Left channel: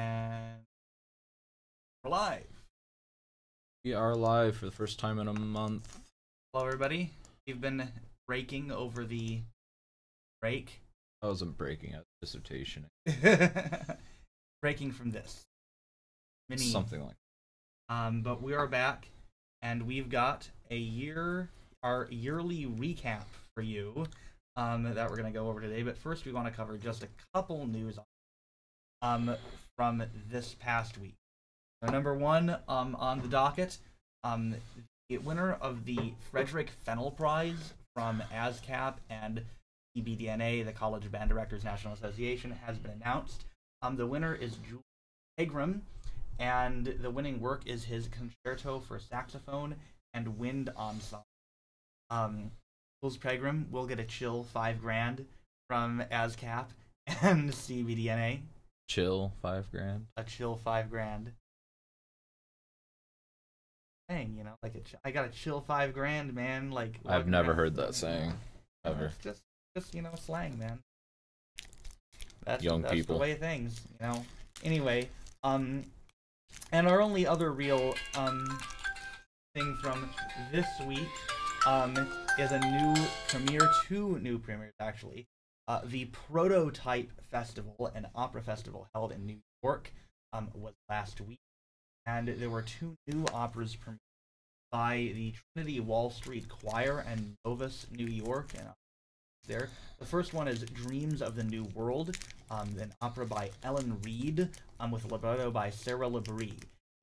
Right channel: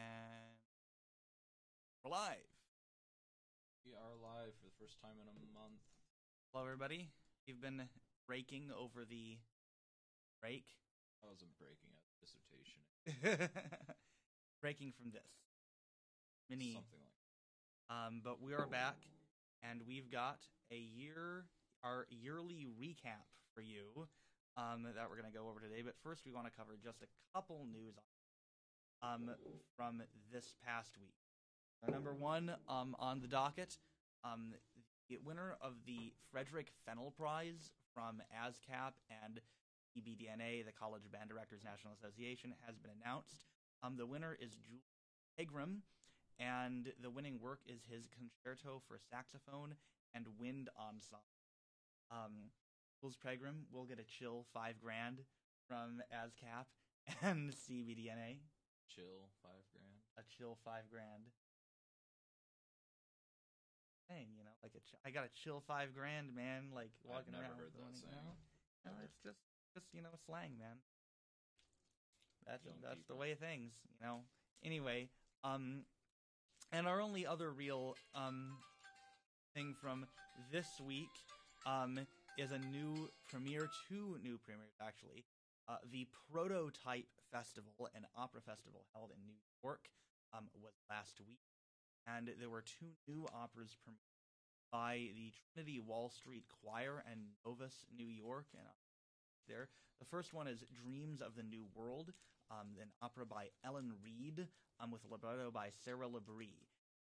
And we're live. We are live for the first time in a month. Hello, everybody. We've been breaking over the break. I wasn't breaking a dissertation. Breaking from this. Mini. Something like But we are back, and we've got our yearly recap for you that we're going to go over today. But first, we want to cover just a couple news from this past week. So number one on the docket, the winner of the Frederick Fennell Prize from ASCAP and CBDNA, the College Band Directors National Association, has been announced. The winner is Jules Pegram, and the winning work is his Concerto for Saxophone and Wind Ensemble. Jules Pegram will get a chill $5,000 from ASCAP and CBDNA. chill $5,000. A chill $5,000. Dang, like I got a chill $5,000, man. Like I've never heard that saying ever. It's just slang, man. That's Young people. The way of things, Anyway, and our only other real thing from this week is two new premieres actually. The Prototype Festival, an opera festival held in New York, was last week, and there were two new operas premiered by the Trinity Wall Street Choir and Novus New York. And there, the first one is Dreams of the New World, an opera by Ellen Reed, with libretto by Sarah Labrie.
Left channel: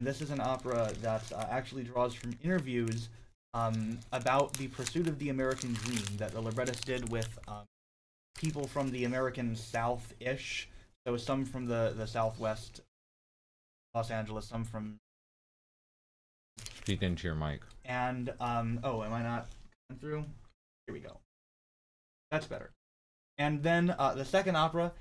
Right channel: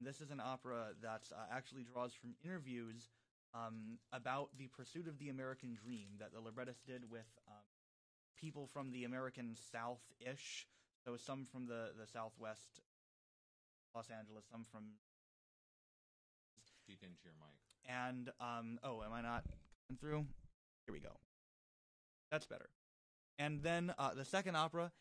This is an opera that actually draws from interviews about the pursuit of the American dream that the librettist did with people from the American South-ish. So some from the Southwest, Los Angeles, some from... Speak into your mic. And, oh, am I not coming through? Here we go. That's better. And then the second opera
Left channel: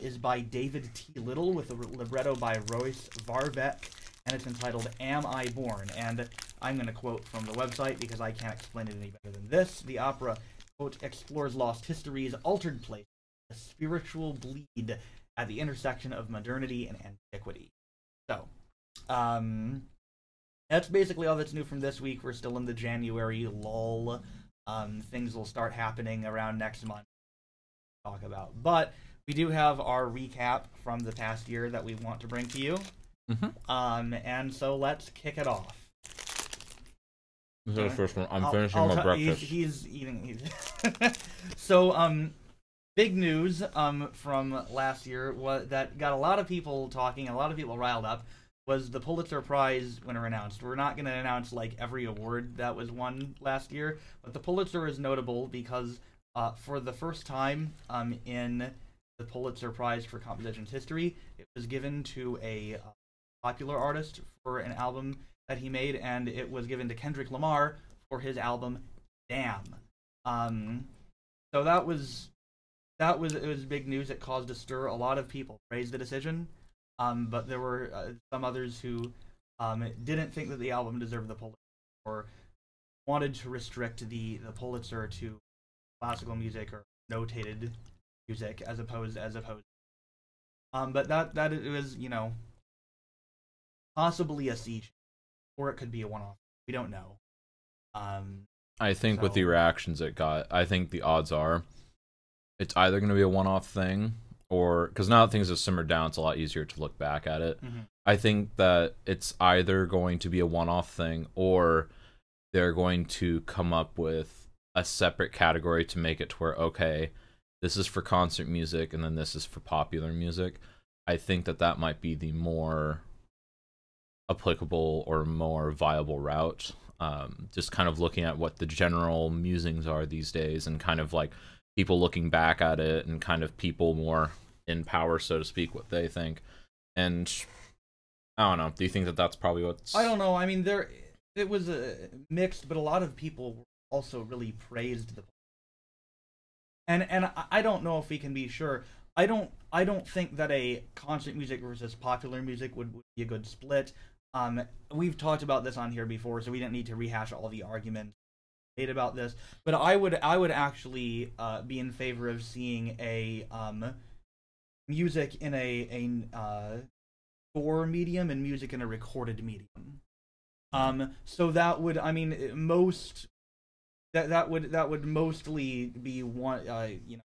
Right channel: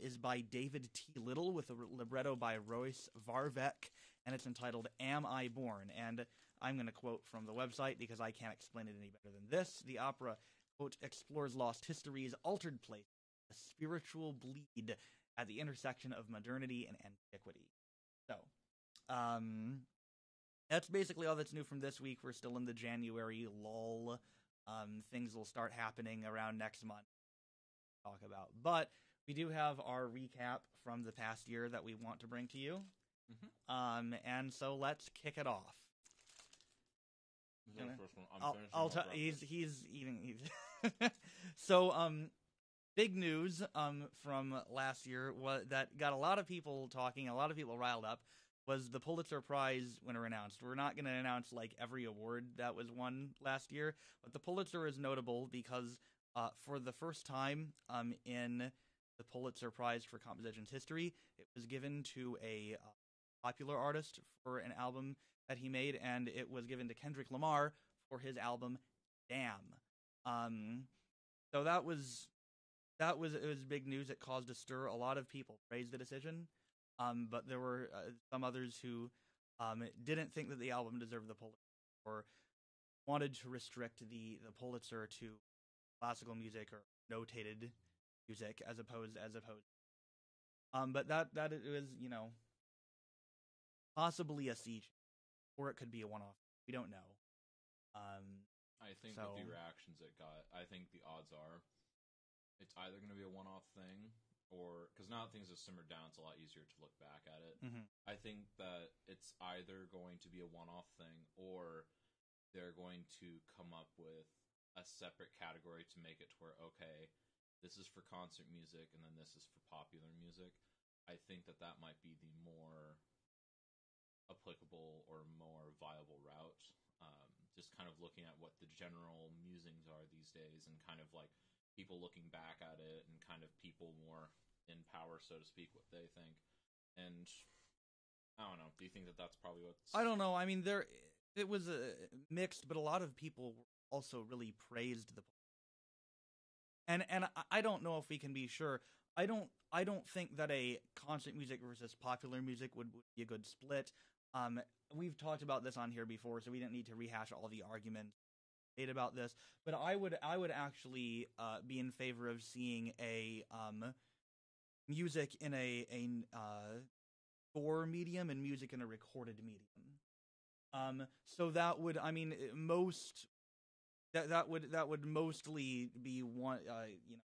is by David T. Little with a libretto by Royce Varvek, and it's entitled Am I Born? And I'm going to quote from the website because I can't explain it any better than this. The opera, quote, explores lost histories, altered places, a spiritual bleed at the intersection of modernity and antiquity. So, that's basically all that's new from this week. We're still in the January lull. Things will start happening around next month to talk about. But we do have our recap from the past year that we want to bring to you. And so let's kick it off. This is the first one. I'm finishing my breakfast. He's eating. So, big news from last year that got a lot of people talking, a lot of people riled up, was the Pulitzer Prize winner announced. We're not going to announce like every award that was won last year, but the Pulitzer is notable because for the first time in the Pulitzer Prize for Composition's history, it was given to a popular artist for an album that he made, and it was given to Kendrick Lamar for his album Damn. So it was big news. It caused a stir. A lot of people praised the decision, but there were some others who didn't think that the album deserved the Pulitzer or wanted to restrict the Pulitzer to classical music or notated music as opposed. But that it was possibly a siege, or it could be a one-off. We don't know. I think with the reactions it got, I think the odds are it's either going to be a one-off thing, or because now that things have simmered down, it's a lot easier to look back at it. I think that it's either going to be a one-off thing, or they're going to come up with a separate category to make it to where, okay, this is for concert music, and then this is for popular music. I think that might be the more applicable or more viable route. Just kind of looking at what the general musings are these days, and kind of like people looking back at it, and kind of people more in power, so to speak, what they think. And I don't know. Do you think that that's probably what's... I don't know. I mean, it was mixed, but a lot of people also really praised the... And I don't know if we can be sure. I don't think that a concert music versus popular music would be a good split. We've talked about this on here before, so we didn't need to rehash all the arguments made about this. But I would actually be in favor of seeing a music in a score medium and music in a recorded medium. So that would, I mean, that would mostly be one,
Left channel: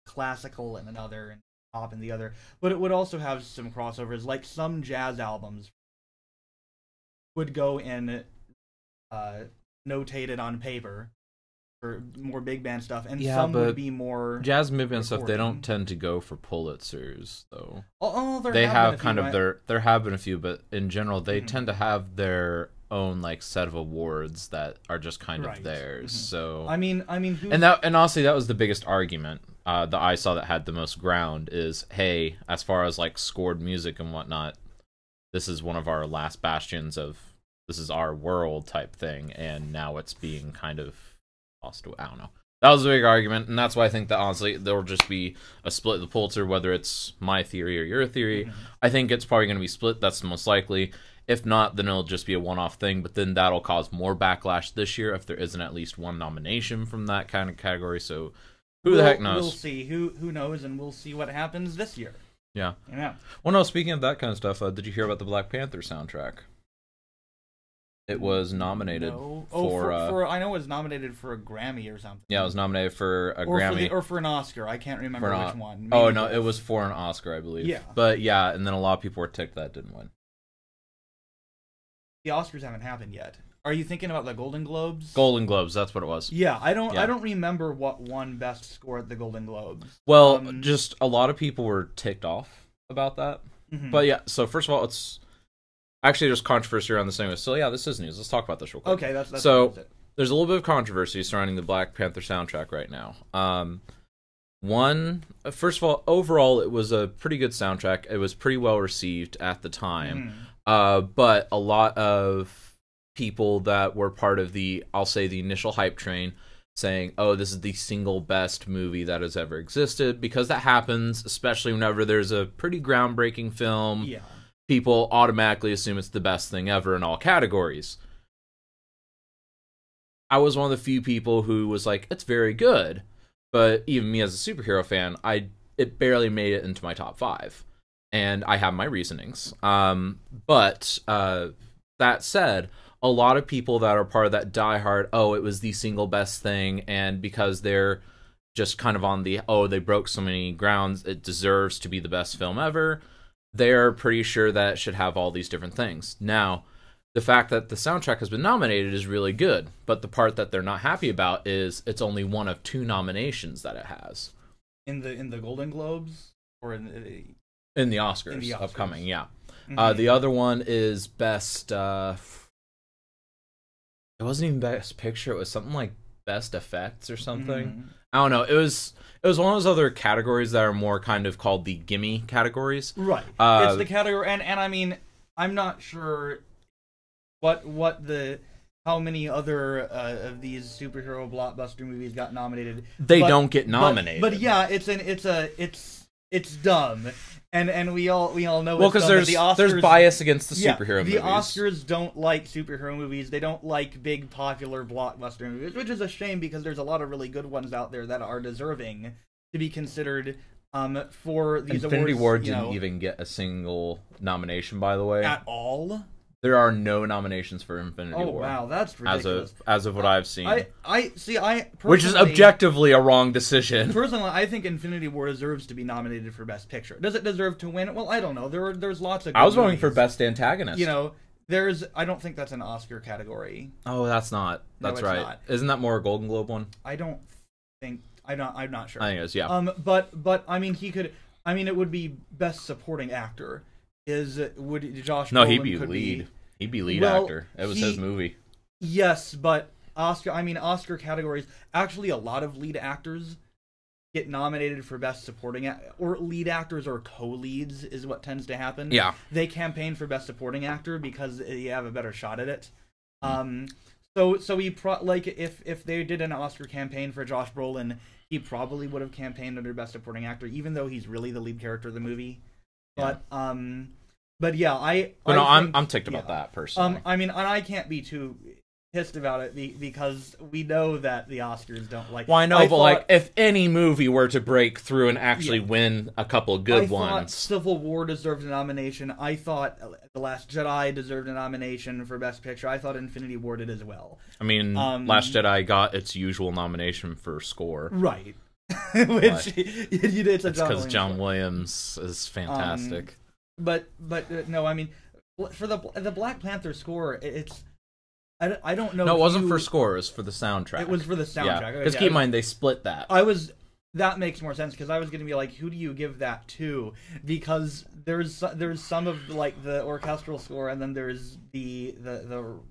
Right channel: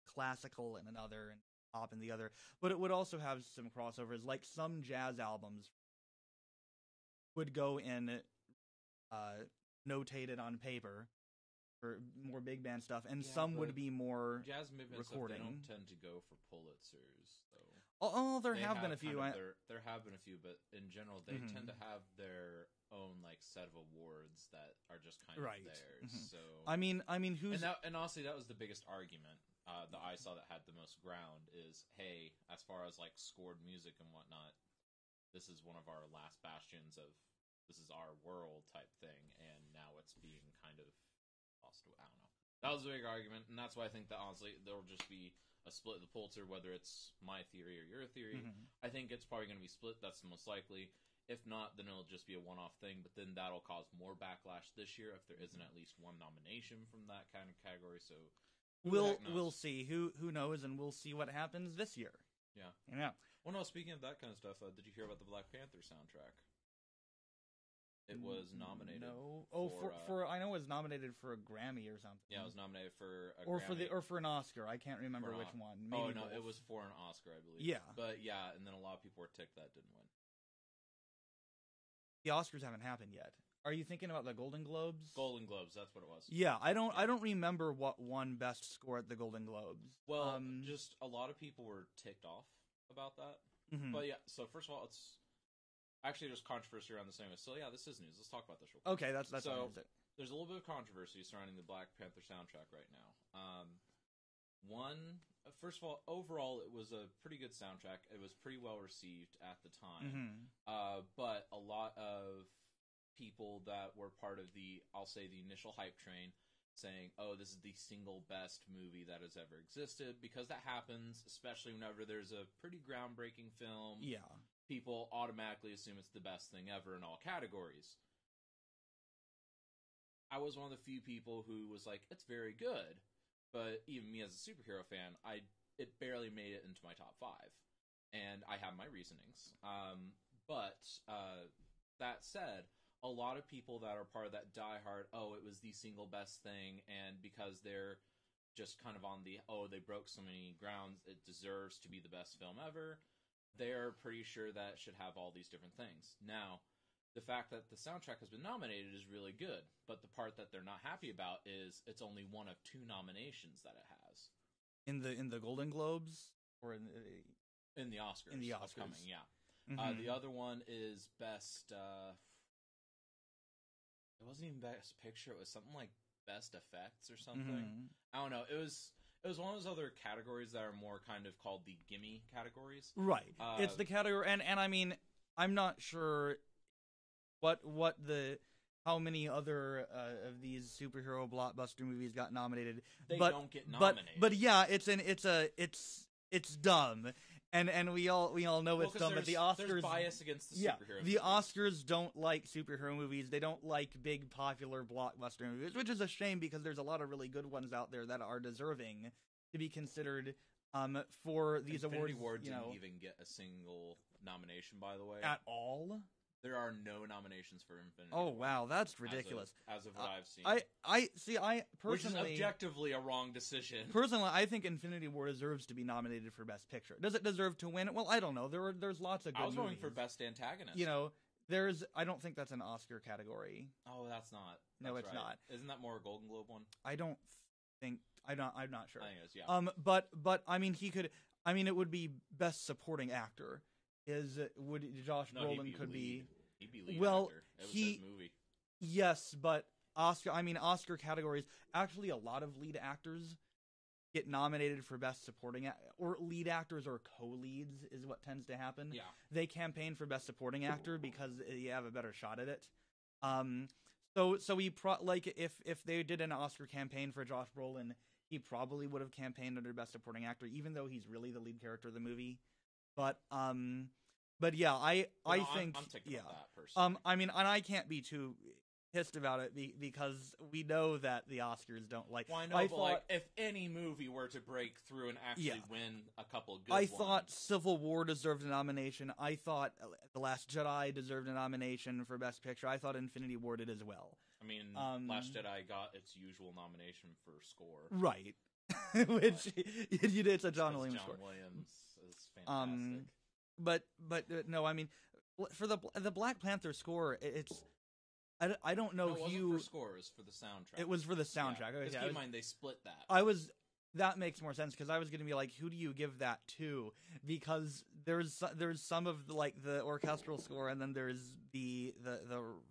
classical in another and pop in the other, but it would also have some crossovers. Like some jazz albums would go in notated on paper for more big band stuff, and some would be more jazz big band stuff. They don't tend to go for Pulitzers though. They have kind of there have been a few, but in general they tend to have their own like set of awards that are just kind of theirs. So I mean, and honestly, that was the biggest argument that I saw that had the most ground is, hey, as far as like scored music and whatnot, this is one of our last bastions of this is our world type thing, and now it's being kind of lost away. I don't know. That was a big argument, and that's why I think that honestly there'll just be a split of the Pulitzer, whether it's my theory or your theory. I think it's probably going to be split. That's the most likely. If not, then it'll just be a one-off thing, but then that'll cause more backlash this year if there isn't at least one nomination from that kind of category. So who the heck knows? We'll see. Who knows, and we'll see what happens this year. Yeah. Yeah. Well, no, speaking of that kind of stuff, did you hear about the Black Panther soundtrack? It was nominated for I know it was nominated for a Grammy or something. Yeah, it was nominated for a Grammy. Or for an Oscar. I can't remember which one. Maybe no, it was for an Oscar, I believe. Yeah. But yeah, and then a lot of people were ticked that it didn't win. The Oscars haven't happened yet. Are you thinking about the Golden Globes? Golden Globes, that's what it was. Yeah, I don't remember what won Best Score at the Golden Globes. Well, just a lot of people were ticked off about that. But yeah, so first of all, it's actually there's controversy around this anyway. So yeah, this is news. Let's talk about this real quick. Okay, that's so there's a little bit of controversy surrounding the Black Panther soundtrack right now. First of all, overall, it was a pretty good soundtrack. It was pretty well received at the time. But a lot of people that were part of the, I'll say, the initial hype train saying, oh, this is the single best movie that has ever existed, because that happens, especially whenever there's a pretty groundbreaking film. Yeah. People automatically assume it's the best thing ever in all categories. I was one of the few people who was like, it's very good. But even me as a superhero fan, it barely made it into my top 5. And I have my reasonings. But that said, a lot of people that are part of that diehard, oh, it was the single best thing, and because they're just kind of on the, oh, they broke so many grounds, it deserves to be the best film ever, they're pretty sure that it should have all these different things. Now, the fact that the soundtrack has been nominated is really good, but the part that they're not happy about is it's only one of 2 nominations that it has. In the Golden Globes? Or in the Oscars upcoming, yeah. The other one is best, it wasn't even best picture, it was something like best effects or something. I don't know, it was one of those other categories that are more kind of called the gimme categories. Right. It's the category, and I mean, I'm not sure how many other of these superhero blockbuster movies got nominated. They don't get nominated. But yeah, it's dumb. And we all know. Well, because there's bias against the superhero movies. The Oscars don't like superhero movies. They don't like big popular blockbuster movies, which is a shame because there's a lot of really good ones out there that are deserving to be considered for these Infinity awards. War didn't even get a single nomination, by the way. At all? There are no nominations for Infinity War. Oh wow, that's ridiculous. As of what I've seen. Which is objectively a wrong decision. Personally, I think Infinity War deserves to be nominated for Best Picture. Does it deserve to win? Well, I don't know. There's lots of good I was voting movies. for Best Antagonist. I don't think that's an Oscar category. Oh, that's not. That's right. Not. Isn't that more a Golden Globe one? I don't think. I'm not sure. I think it is, yeah. But I mean, he could. I mean, it would be Best Supporting Actor. Would Josh? No, Brolin he'd be lead. He'd be lead actor. It was his movie. Yes, but Oscar categories. Actually, a lot of lead actors get nominated for Best Supporting or lead actors or co-leads is what tends to happen. Yeah. They campaign for Best Supporting Actor because you have a better shot at it. So if they did an Oscar campaign for Josh Brolin, he probably would have campaigned under Best Supporting Actor, even though he's really the lead character of the movie. But yeah, I'm ticked about that personally. I mean, and I can't be too. pissed about it because we know that the Oscars don't like. Well, I know, but like, if any movie were to break through and actually win a couple good ones, I thought Civil War deserved a nomination. I thought The Last Jedi deserved a nomination for Best Picture. I thought Infinity War did as well. I mean, Last Jedi got its usual nomination for score, right? Which it's because John Williams is fantastic. But no, I mean, for the Black Panther score, it's. I don't know. No, it wasn't for score. It was for the soundtrack. It was for the soundtrack. Because keep in mind, they split that. That makes more sense, because I was going to be like, who do you give that to? Because there's some of like the orchestral score, and then there's the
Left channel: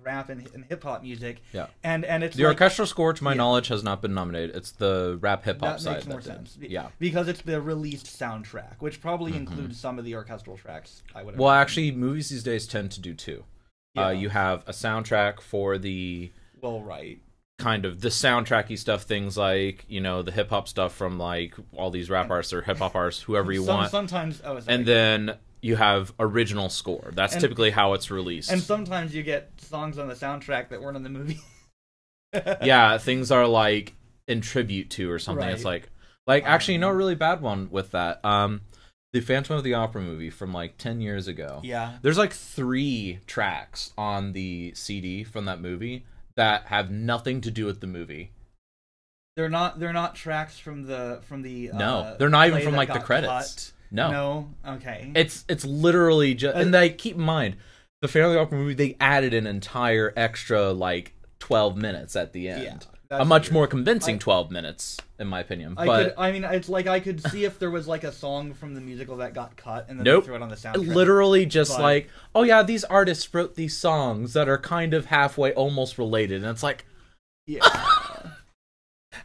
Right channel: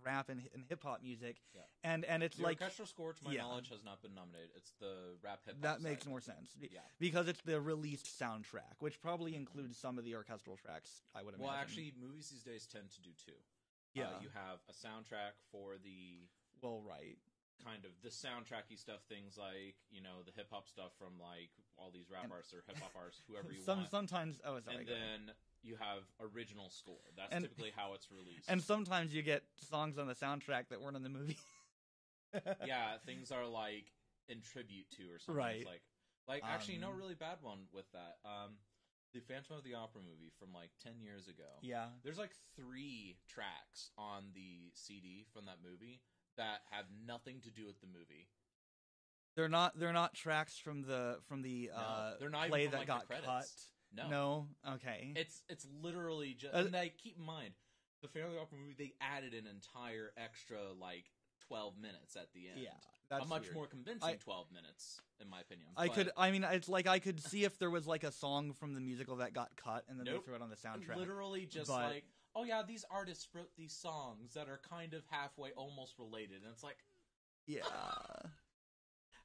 rap and hip hop music. Yeah. And it's the orchestral score, to my knowledge, has not been nominated. It's the rap hip hop side. That makes more sense. Yeah. Because it's the released soundtrack, which probably includes some of the orchestral tracks. Well, actually, movies these days tend to do two. Yeah. You have a soundtrack for the kind of the soundtracky stuff, things like, you know, the hip hop stuff from like all these rap artists or hip hop artists, whoever you want. Sometimes, and then you have original score. That's typically how it's released. And sometimes you get songs on the soundtrack that weren't in the movie. Yeah, things are like in tribute to or something. It's like actually, you know, a really bad one with that. The Phantom of the Opera movie from like 10 years ago. Yeah. There's like 3 tracks on the CD from that movie that have nothing to do with the movie. They're not tracks from the No, they're not even from like the credits. Cut. No. Okay. It's literally just, and they keep in mind, the Phantom of the Opera movie, they added an entire extra like 12 minutes at the end. Yeah. A much more convincing 12 minutes, in my opinion. It's like I could see if there was like a song from the musical that got cut and then they threw it on the soundtrack. Literally just like, oh yeah, these artists wrote these songs that are kind of halfway almost related, and it's like, yeah.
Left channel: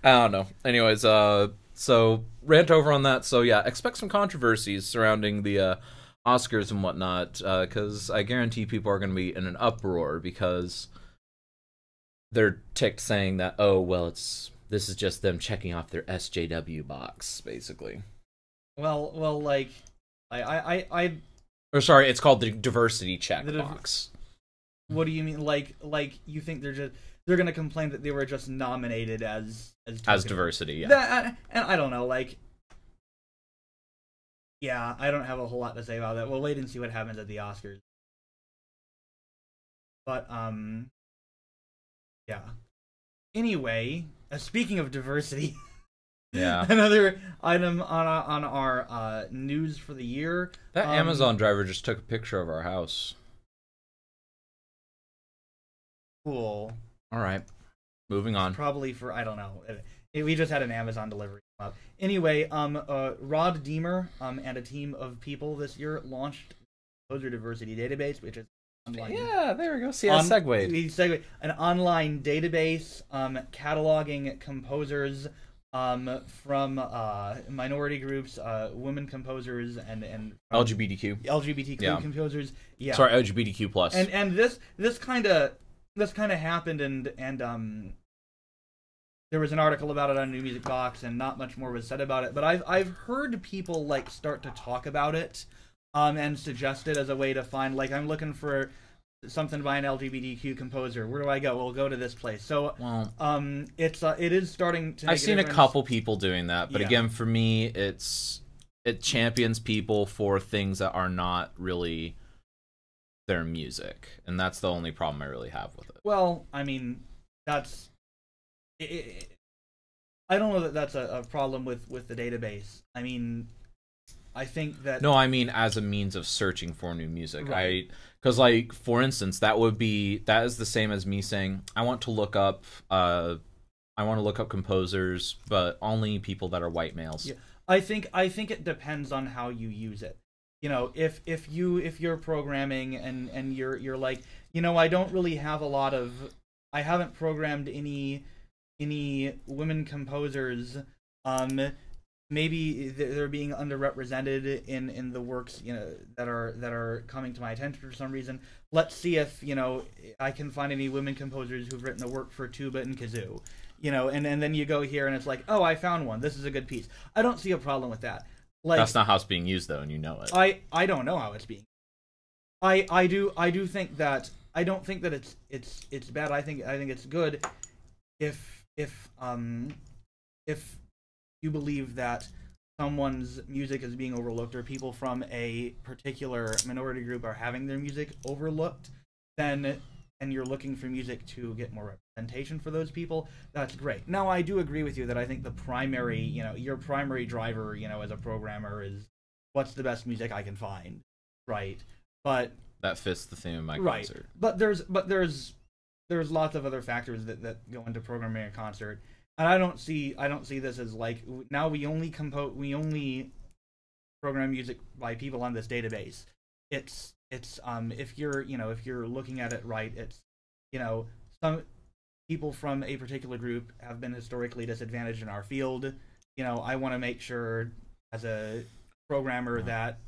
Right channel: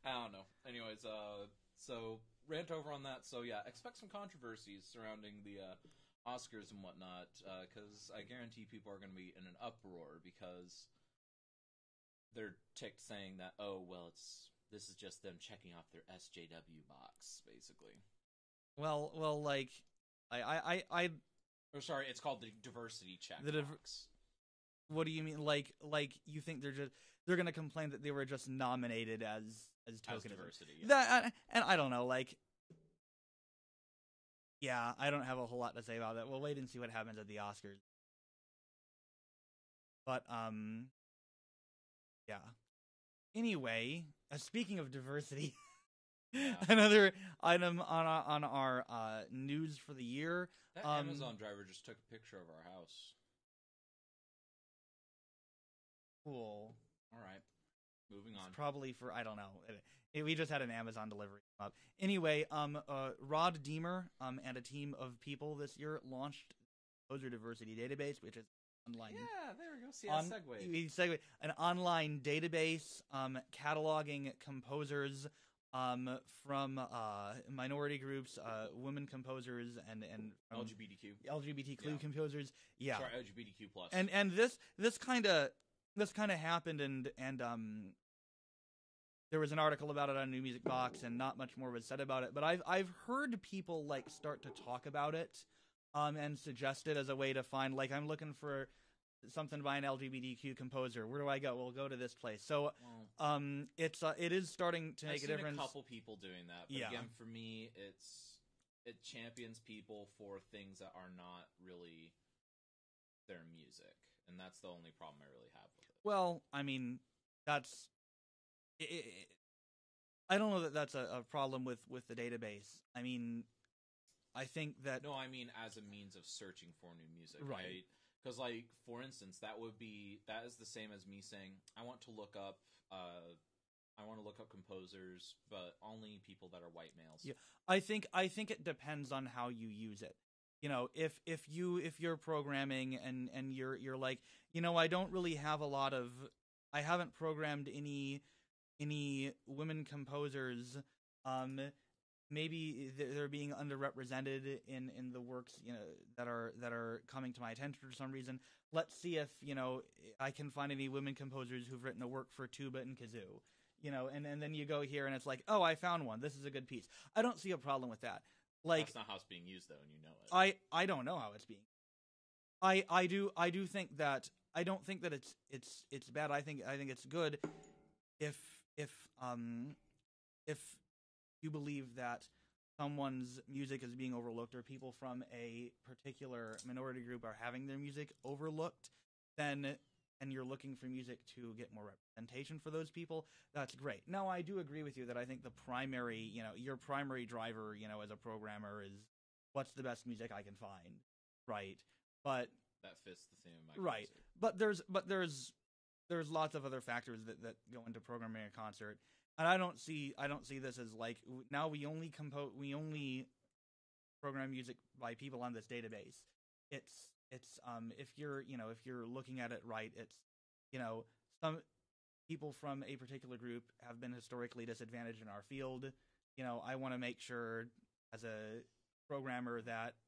I don't know. Anyways, so rant over on that. So yeah, expect some controversies surrounding the Oscars and whatnot, because I guarantee people are going to be in an uproar because they're ticked saying that, oh, well, this is just them checking off their SJW box, basically. Well, like, or sorry, it's called the diversity check box. What do you mean? Like you think they're gonna complain that they were just nominated as diversity? Yeah. And I don't know, like, yeah, I don't have a whole lot to say about that. We'll wait and see what happens at the Oscars. But yeah. Anyway, speaking of diversity, yeah, another item on our news for the year. That Amazon driver just took a picture of our house. Cool. All right, moving on. Probably for, I don't know. We just had an Amazon delivery come up. Anyway, Rod Deemer and a team of people this year launched Composer Diversity Database, which is online. Yeah, there we go. See, I segued. An online database cataloging composers from minority groups, women composers, and LGBTQ composers. Yeah. Sorry, LGBTQ plus. And this kind of happened, and there was an article about it on New Music Box, and not much more was said about it. But I've heard people like start to talk about it. And suggest it as a way to find, like, I'm looking for something by an LGBTQ composer. Where do I go? We'll go to this place. So, it is starting to make I've seen a couple people doing that, but again, for me, it champions people for things that are not really their music, and that's the only problem I really have with it. Well, I mean, that's... I don't know that that's a problem with the database. I mean... I think that... No, I mean as a means of searching for new music. Right. Because, like, for instance, that is the same as me saying, I want to look up composers, but only people that are white males. Yeah. I think it depends on how you use it. You know, if you're programming and you're like, you know, I don't really have I haven't programmed any women composers, maybe they're being underrepresented in the works, you know, that are coming to my attention for some reason. Let's see if, you know, I can find any women composers who've written a work for tuba and kazoo, you know, and then you go here and it's like, oh, I found one. This is a good piece. I don't see a problem with that. Like, that's not how it's being used though, and you know it. I don't know how it's being. I do think that I don't think that it's bad. I think it's good if you believe that someone's music is being overlooked, or people from a particular minority group are having their music overlooked, then and you're looking for music to get more representation for those people, that's great. Now, I do agree with you that I think the primary, your primary driver, as a programmer is what's the best music I can find, right? But that fits the theme of my right. concert. But there's lots of other factors that go into programming a concert. And I don't see this as like, now we only program music by people on this database. It's if you're looking at it right, it's some people from a particular group have been historically disadvantaged in our field. I want to make sure as a programmer that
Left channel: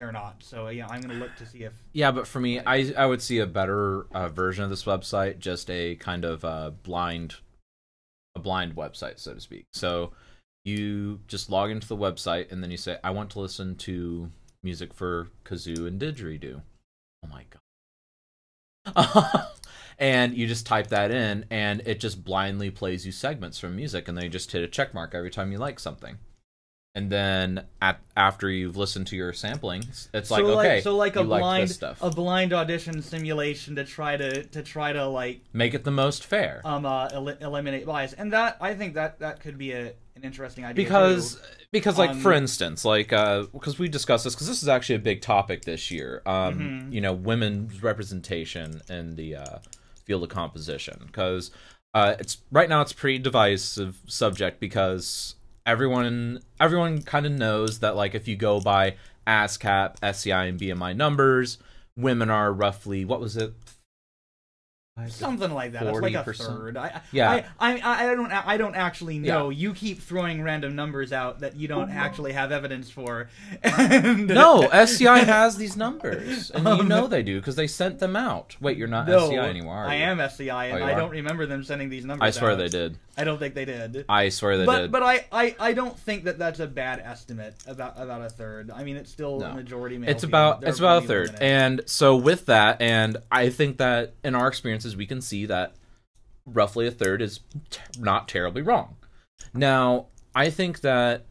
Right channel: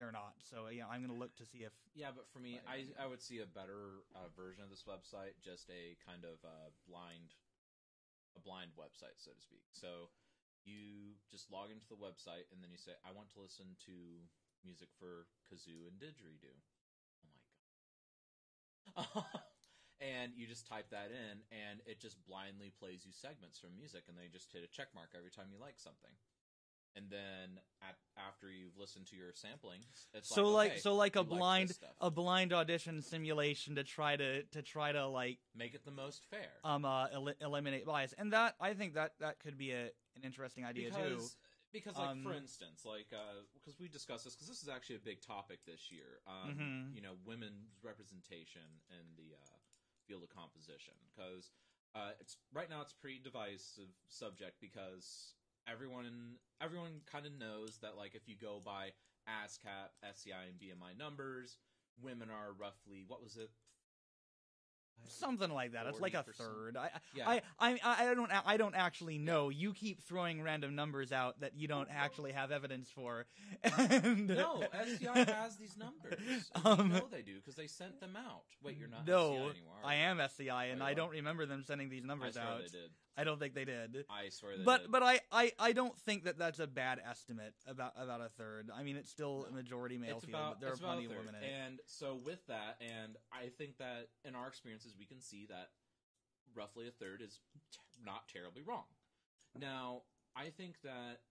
they're not. So I'm gonna look to see if but for me, I would see a better version of this website, just a kind of blind website, so to speak. So you just log into the website and then you say, I want to listen to music for kazoo and didgeridoo. Oh my god. And you just type that in and it just blindly plays you segments from music, and then you just hit a check mark every time you like something. And then after you've listened to your sampling, it's like, okay, so like a blind audition simulation to try to like make it the most fair, eliminate bias, and that I think that could be an interesting idea because like for instance, like because we discussed this, because this is actually a big topic this year, women's representation in the field of composition, because it's right now it's a pretty divisive subject, because everyone kind of knows that, like, if you go by ASCAP, SCI, and BMI numbers, women are roughly, what was it? Something like that. It's like a third. I don't actually know. Yeah. You keep throwing random numbers out that you don't actually have evidence for. No, SCI has these numbers, and you know they do because they sent them out. Wait, you're not SCI anymore, are you? I am SCI, and I don't remember them sending these numbers out. I swear they did. I don't think they did. I swear they did. But I don't think that's a bad estimate about a third. I mean, it's still a majority male. It's about a third. And so with that, and I think that in our experiences we can see that roughly a third is not terribly wrong. Now, I think that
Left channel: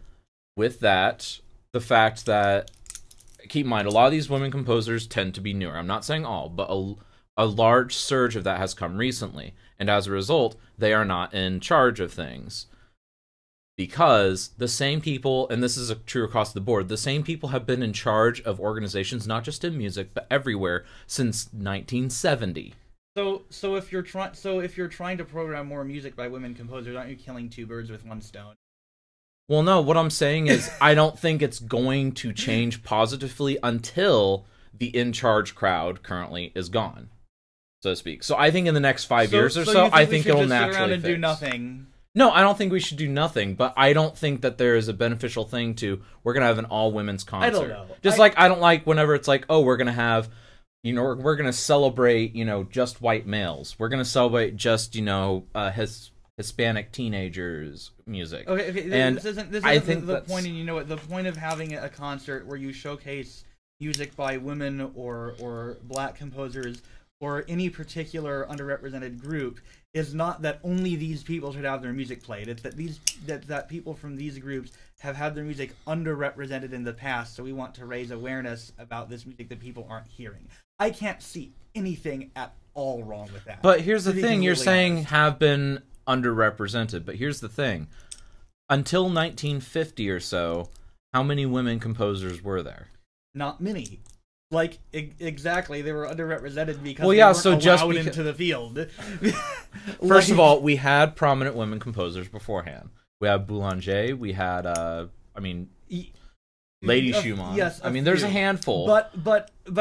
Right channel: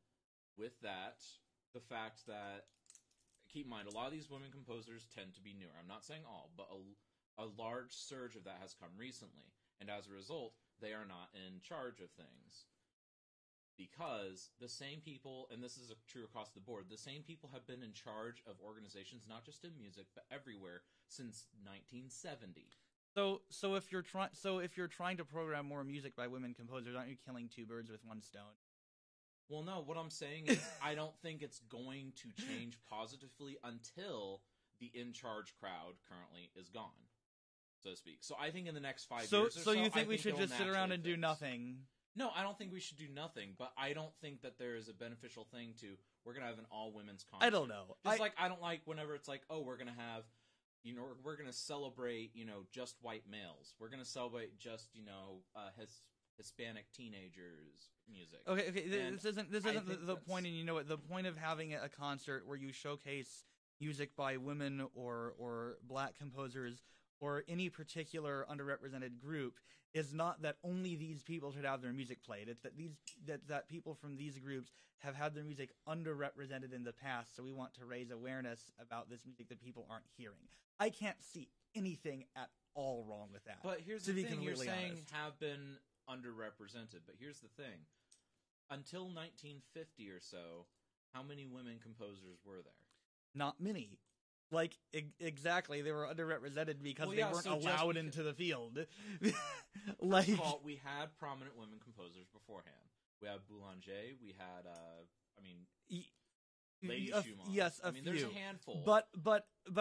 with that, the fact that, keep in mind, a lot of these women composers tend to be newer. I'm not saying all, but a large surge of that has come recently. And as a result, they are not in charge of things. Because the same people, and this is true across the board, the same people have been in charge of organizations, not just in music, but everywhere, since 1970. So if you're trying to program more music by women composers, aren't you killing two birds with one stone? Well, no, what I'm saying is I don't think it's going to change positively until the in-charge crowd currently is gone, so to speak. So I think in the next 5 years or so, I think it'll naturally sit around and fix. Do nothing. No, I don't think we should do nothing, but I don't think that there is a beneficial thing to, we're going to have an all-women's concert. I don't know. I don't like whenever it's like, oh, we're going to have, we're going to celebrate, just white males. We're going to celebrate just, Hispanic teenagers music. Okay, and this isn't the point. And the point of having a concert where you showcase music by women or black composers or any particular underrepresented group is not that only these people should have their music played. It's that people from these groups have had their music underrepresented in the past, so we want to raise awareness about this music that people aren't hearing. I can't see anything at all wrong with that. But here's the thing, you're saying have been underrepresented, but here's the thing. Until 1950 or so, how many women composers were there? Not many. Like, exactly, they were underrepresented because they weren't allowed into the field. First of all, we had prominent women composers beforehand. We had Boulanger, we had, Lady Schumann. Yes, there's a handful. But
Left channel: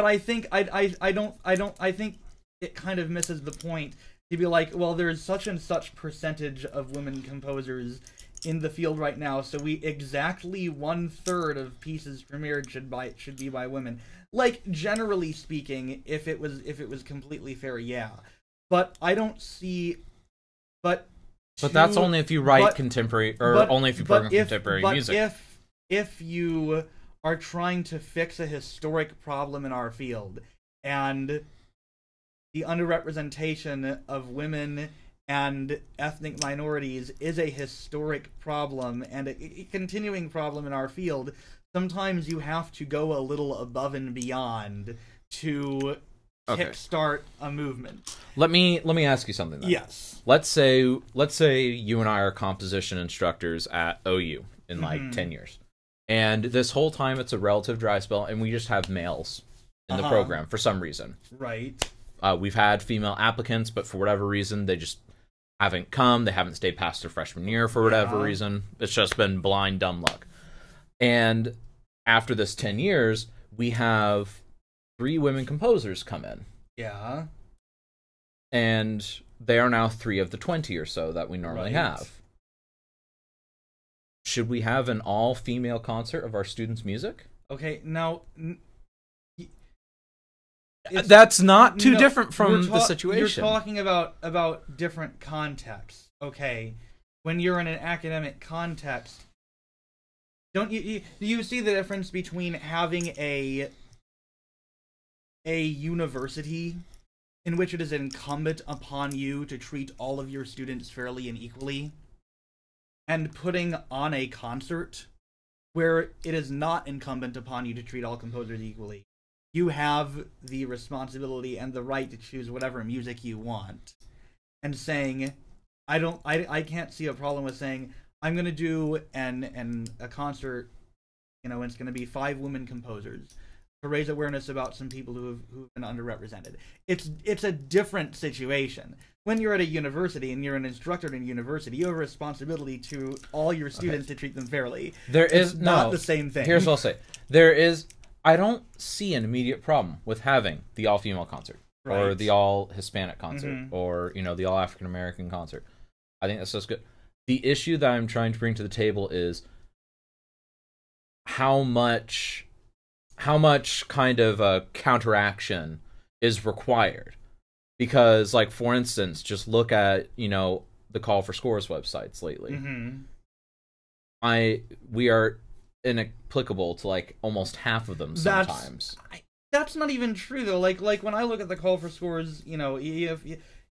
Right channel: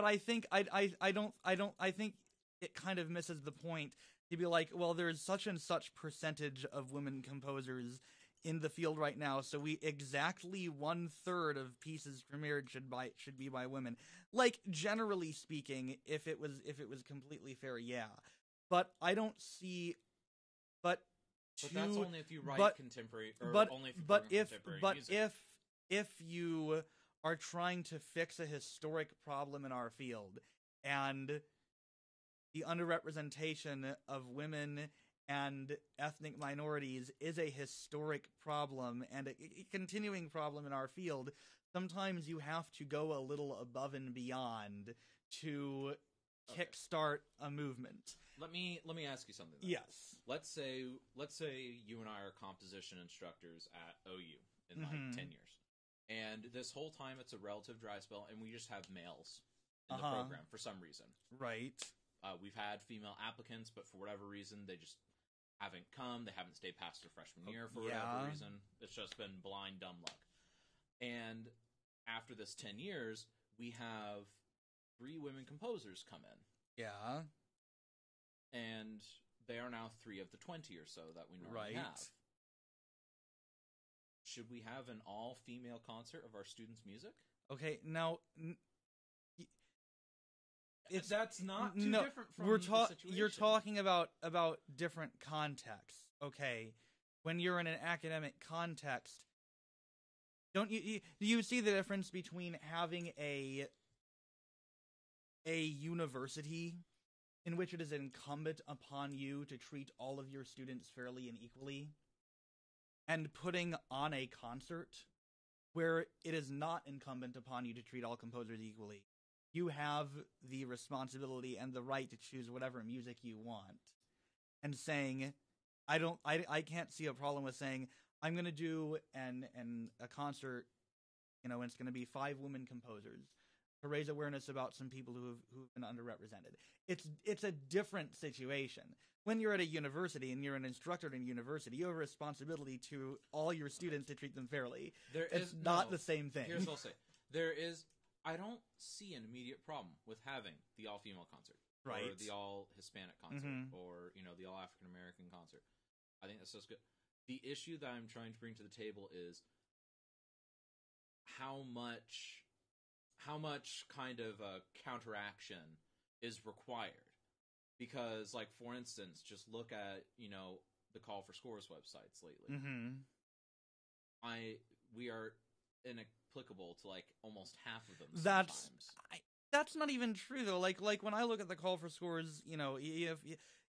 I think I think it kind of misses the point to be like, well, there's such and such percentage of women composers in the field right now, so exactly 1/3 of pieces premiered should be by women. Like, generally speaking, if it was completely fair, yeah. But I don't see. But that's only if you write contemporary, or only if you program contemporary music. If you are trying to fix a historic problem in our field, and the underrepresentation of women and ethnic minorities is a historic problem and a continuing problem in our field. Sometimes you have to go a little above and beyond to kickstart a movement. Let me ask you something then. Yes. Let's say you and I are composition instructors at OU in like 10 years. And this whole time it's a relative dry spell and we just have males in the program for some reason. Right. We've had female applicants, but for whatever reason they just haven't come. They haven't stayed past their freshman year for whatever reason. It's just been blind dumb luck. And after this 10 years, we have 3 women composers come in. Yeah. And they are now 3 of the 20 or so that we normally have. Should we have an all-female concert of our students' music? Okay, now... That's not too different from the situation. You're talking about different contexts. Okay, when you're in an academic context, do you see the difference between having a university in which it is incumbent upon you to treat all of your students fairly and equally, and putting on a concert where it is not incumbent upon you to treat all composers equally? You have the responsibility and the right to choose whatever music you want. And saying, I can't see a problem with saying, I'm going to do a concert, you know, and it's going to be 5 women composers to raise awareness about some people who've been underrepresented. It's a different situation. When you're at a university and you're an instructor in a university, you have a responsibility to all your students to treat them fairly. It's not the same thing. Here's what I'll say. I don't see an immediate problem with having the all-female concert or the all-Hispanic concert or, you know, the all-African-American concert. I think that's just good. The issue that I'm trying to bring to the table is how much kind of counteraction is required. Because, like, for instance, just look at, you know, the Call for Scores websites lately. We are inapplicable to like almost half of them sometimes. That's not even true though. Like when I look at the Call for Scores, you know,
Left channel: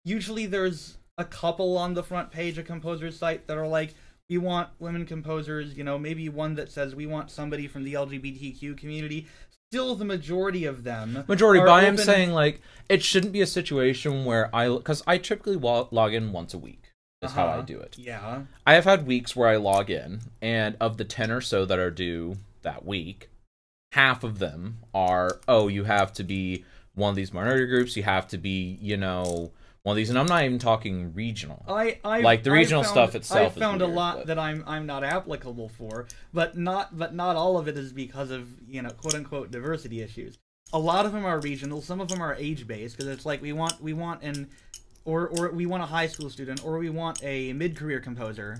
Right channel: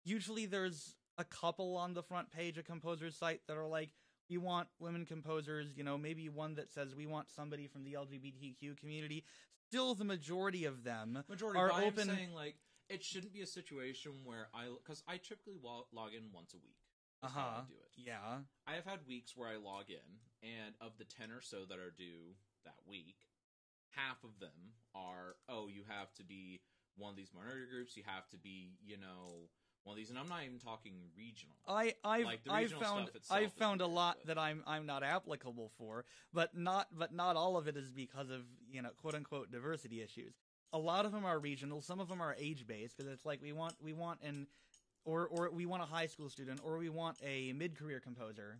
usually there's a couple on the front page of composers' site that are like, we want women composers, you know, maybe one that says we want somebody from the LGBTQ community. Still, the majority of them. But I'm saying like it shouldn't be a situation where because I typically log in once a week. Is how I do it. Yeah. I have had weeks where I log in, and of the 10 or so that are due that week, half of them are, you have to be one of these minority groups, you have to be, you know, one of these, and I'm not even talking regional. Like the regional stuff itself. I found is weird, a lot that I'm not applicable for, but not all of it is because of, you know, quote unquote diversity issues. A lot of them are regional, some of them are age based, because it's like we want or we want a high school student, or we want a mid-career composer,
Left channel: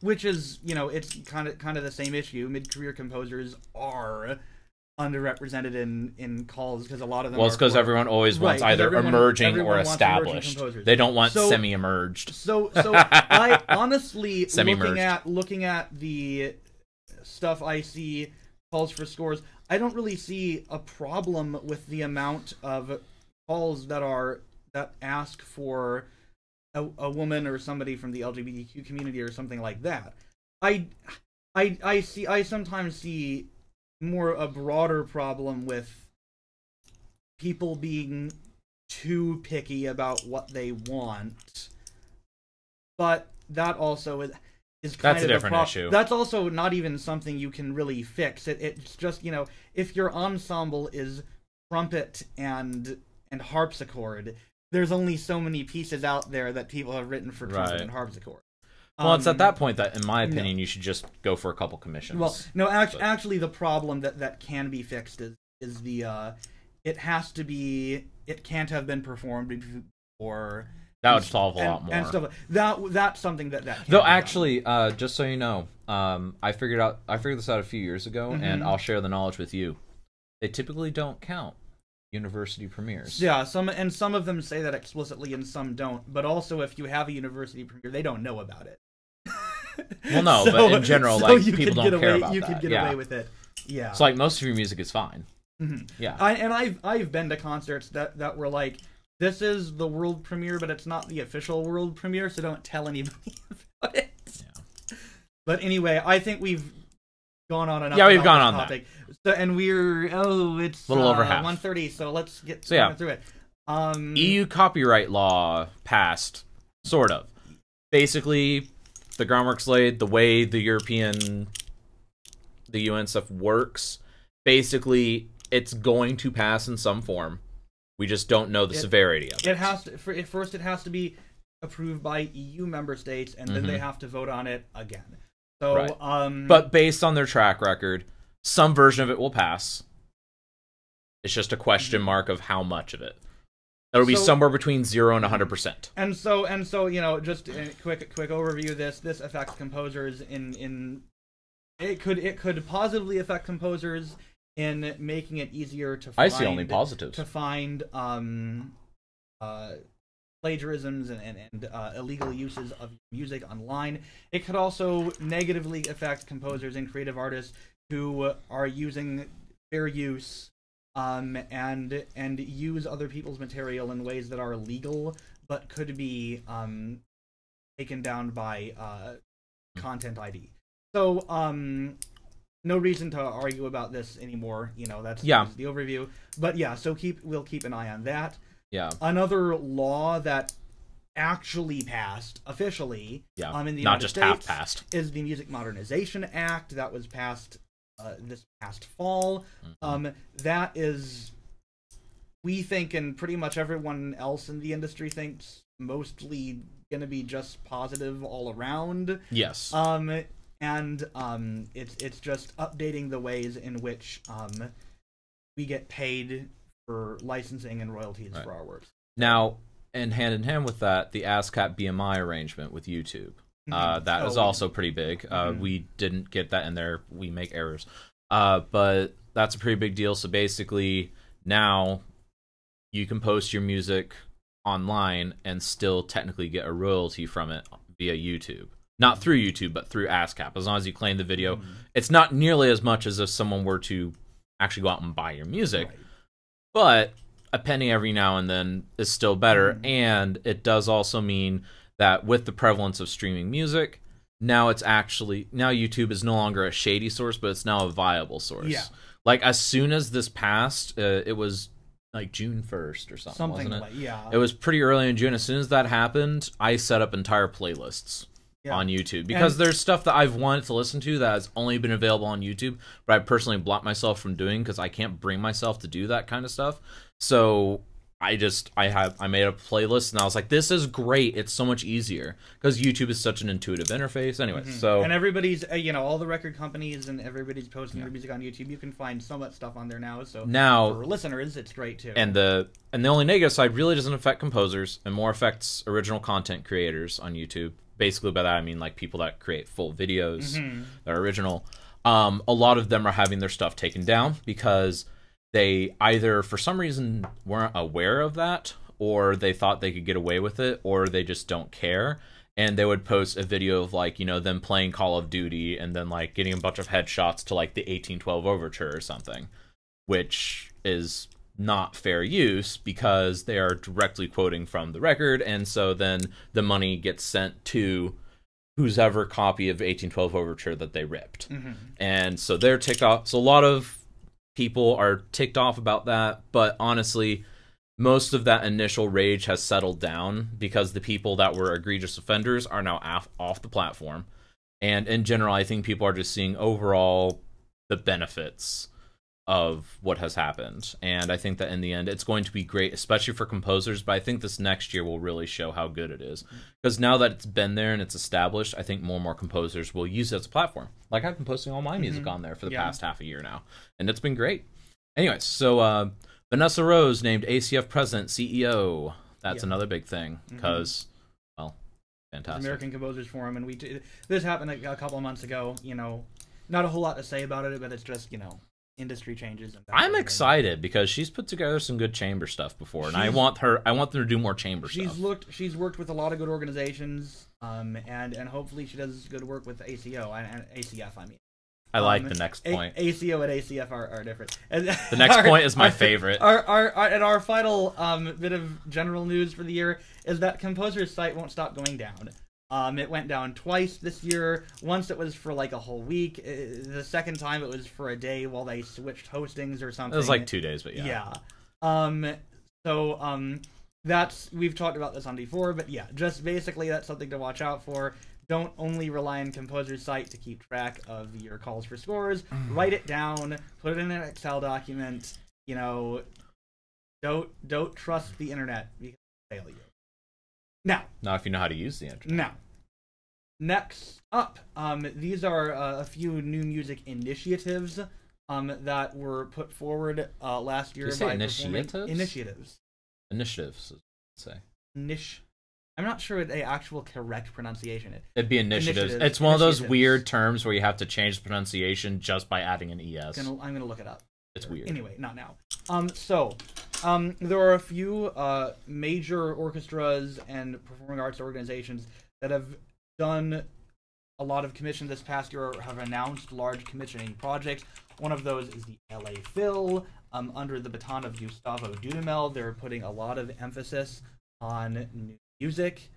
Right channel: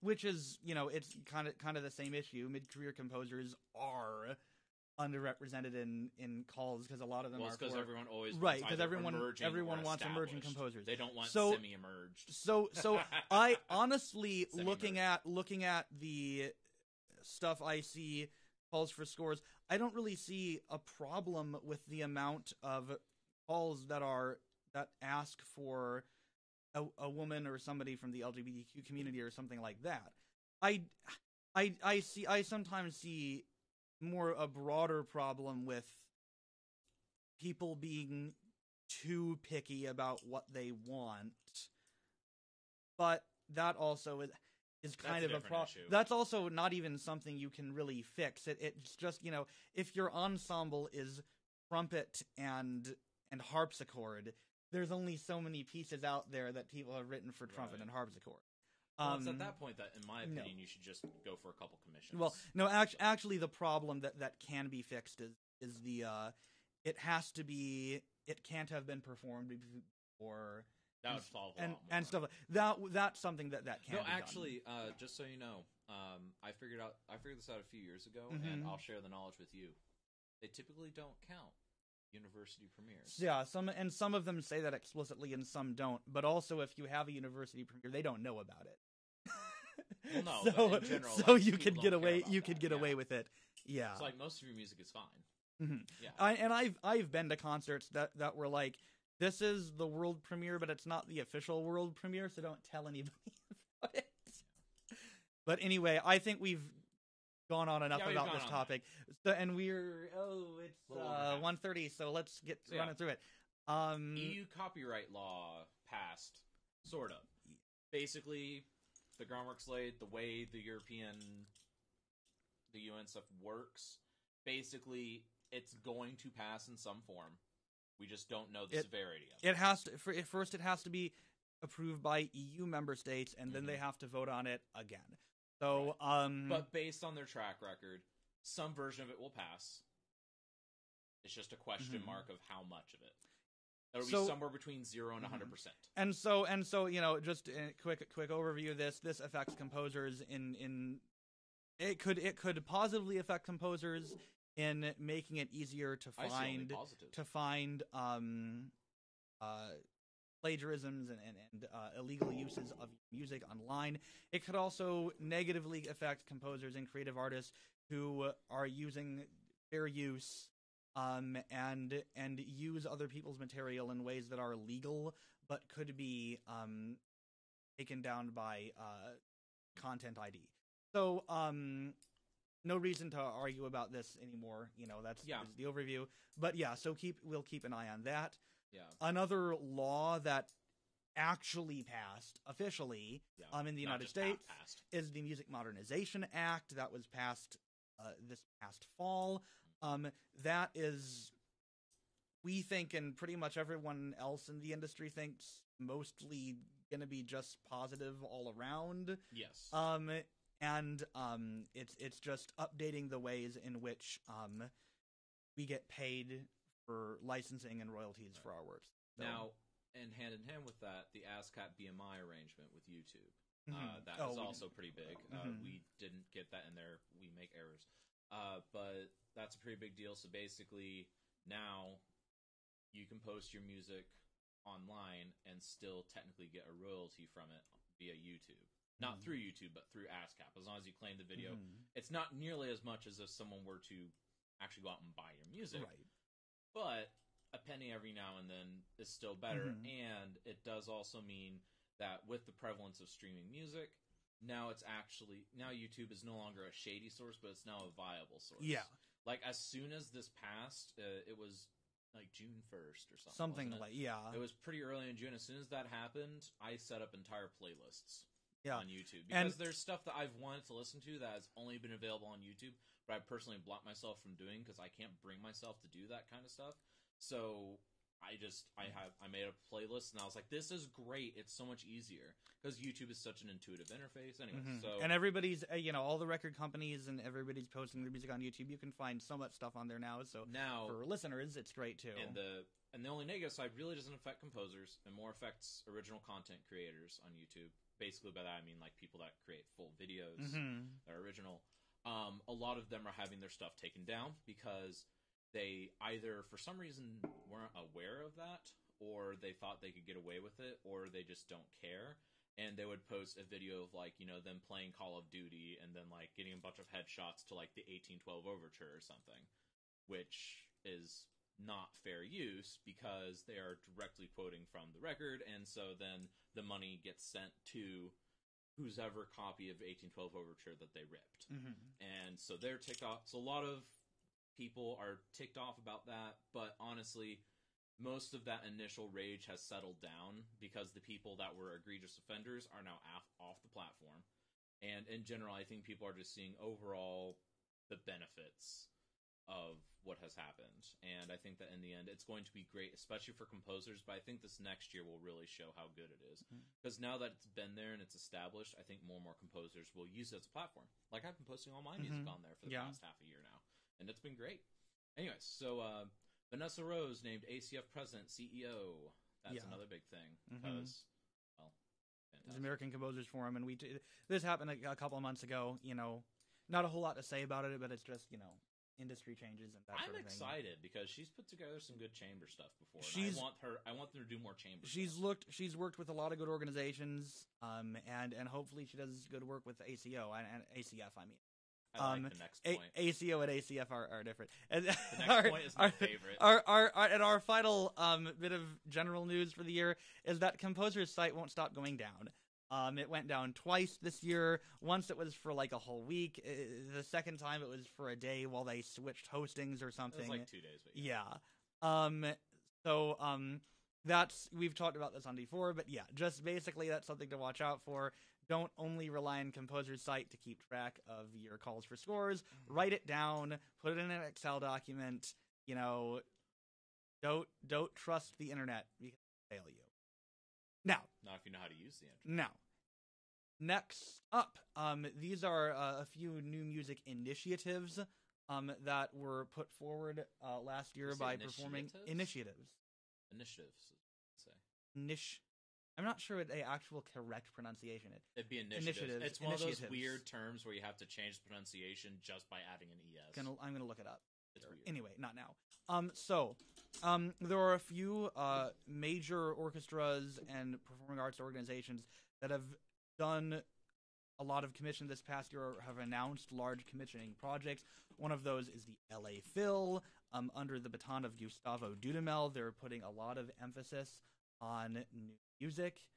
which is, you know, it's kind of the same issue. Mid-career composers are underrepresented in calls because a lot of them. Well, it's because everyone always wants either emerging or established. They don't want semi-emerged. So I honestly semi-merged. looking at the stuff I see calls for scores, I don't really see a problem with the amount of calls that ask for a woman or somebody from the LGBTQ community or something like that. I sometimes see more a broader problem with people being too picky about what they want. But that also is kind of a different issue. That's also not even something you can really fix. It's just, you know, if your ensemble is trumpet and harpsichord, there's only so many pieces out there that people have written for trumpet and harpsichord. Well, it's at that point that, in my opinion, you should just go for a couple commissions. Well, no, actually, the problem that can be fixed is the it can't have been performed before. That would solve a lot more. And stuff that's something that can though actually, just so you know, I figured this out a few years ago, and I'll share the knowledge with you. They typically don't count university premieres. Yeah, some of them say that explicitly and some don't. But also, if you have a university premiere, they don't know about it. Well, no, but in general, like, people don't care about that. You could get away with it. Yeah. So, like, most of your music is fine. Yeah. I've been to concerts that were like, this is the world premiere, but it's not the official world premiere, so don't tell anybody about it. Yeah. But anyway, I think we've gone on enough. Yeah, we've gone on topic. So, and it's a little over half. 1:30, so let's get through it. EU copyright law passed, sort of. Basically, the groundwork's laid. The way the UN stuff works, basically, it's going to pass in some form. We just don't know the severity of it. It has to. First, it has to be approved by EU member states, and then they have to vote on it again. So, right. But based on their track record, some version of it will pass. It's just a question mark of how much of it. It'll be somewhere between 0 and 100%. And so, you know, just a quick overview of this. This affects composers in it could positively affect composers in making it easier to find, I see only positives. To find plagiarisms and illegal uses of music online. It could also negatively affect composers and creative artists who are using fair use and use other people's material in ways that are illegal but could be taken down by Content ID. So no reason to argue about this anymore. You know, that's the overview. But yeah, so we'll keep an eye on that. Yeah. Another law that actually passed officially in the United States, half passed, is the Music Modernization Act that was passed this past fall. That is, we think, and pretty much everyone else in the industry thinks, mostly gonna be just positive all around. Yes. It's just updating the ways in which we get paid for licensing and royalties for our works. Now, and hand in hand with that, the ASCAP BMI arrangement with YouTube. That is also pretty big. We didn't get that in there. We make errors. But that's a pretty big deal. So basically, now you can post your music online and still technically get a royalty from it via YouTube. Not through YouTube, but through ASCAP. As long as you claim the video. It's not nearly as much as if someone were to actually go out and buy your music. Right. But a penny every now and then is still better. And it does also mean that with the prevalence of streaming music, now YouTube is no longer a shady source, but it's now a viable source. Yeah. Like, as soon as this passed, it was like June 1st or something, wasn't it? Yeah. It was pretty early in June. As soon as that happened, I set up entire playlists on YouTube, because there's stuff that I've wanted to listen to that has only been available on YouTube, but I personally blocked myself from doing because I can't bring myself to do that kind of stuff. So I made a playlist, and I was like, this is great. It's so much easier because YouTube is such an intuitive interface. Anyway, so, and everybody's all the record companies and everybody's posting their music on YouTube. You can find so much stuff on there now. So now for listeners, it's great too. And the only negative side really doesn't affect composers and more affects original content creators on YouTube. Basically, by that I mean like people that create full videos that are original. A lot of them are having their stuff taken down because they either for some reason weren't aware of that, or they thought they could get away with it, or they just don't care. And they would post a video of like, them playing Call of Duty and then like getting a bunch of headshots to like the 1812 Overture or something, which is not fair use because they are directly quoting from the record, and so then the money gets sent to whose ever copy of 1812 Overture that they ripped. And so they're ticked off. So a lot of people are ticked off about that, but honestly, most of that initial rage has settled down because the people that were egregious offenders are now off the platform. And in general, I think people are just seeing overall the benefits of what has happened. And I think that in the end, it's going to be great, especially for composers, but I think this next year will really show how good it is. Because now that it's been there and it's established, I think more and more composers will use it as a platform. Like, I've been posting all my music on there for the past half a year now, and it's been great. Anyways, so Vanessa Rose named ACF president, CEO. That's another big thing, because, well, fantastic. American Composers Forum, and this happened a couple of months ago. Not a whole lot to say about it, but it's just, industry changes. And I'm excited because she's put together some good chamber stuff before, and I want them to do more chamber stuff. She's worked with a lot of good organizations, and hopefully she does good work with ACO and ACF. I mean, I like the next point. ACO and ACF are different. And the next point is my favorite. And our final bit of general news for the year is that Composer's site won't stop going down. It went down twice this year. Once it was for like a whole week. The second time it was for a day while they switched hostings or something. It was like 2 days, but yeah. Yeah. That's, we've talked about this on before, but yeah, just basically that's something to watch out for. Don't only rely on Composer's site to keep track of your calls for scores. Write it down, put it in an Excel document. You know, don't trust the internet because it'll fail you. Now, if you know how to use the internet. Now, next up, these are a few new music initiatives that were put forward last year by initiatives. Initiatives, say. I'm not sure what the actual correct pronunciation is. It'd be initiatives. It's one of those weird terms where you have to change the pronunciation just by adding an ES. I'm gonna look it up. It's weird. Anyway, not now. There are a few major orchestras and performing arts organizations that have done a lot of commission this past year, or have announced large commissioning projects. One of those is the LA Phil. Under the baton of Gustavo Dudamel, they're putting a lot of emphasis on new music.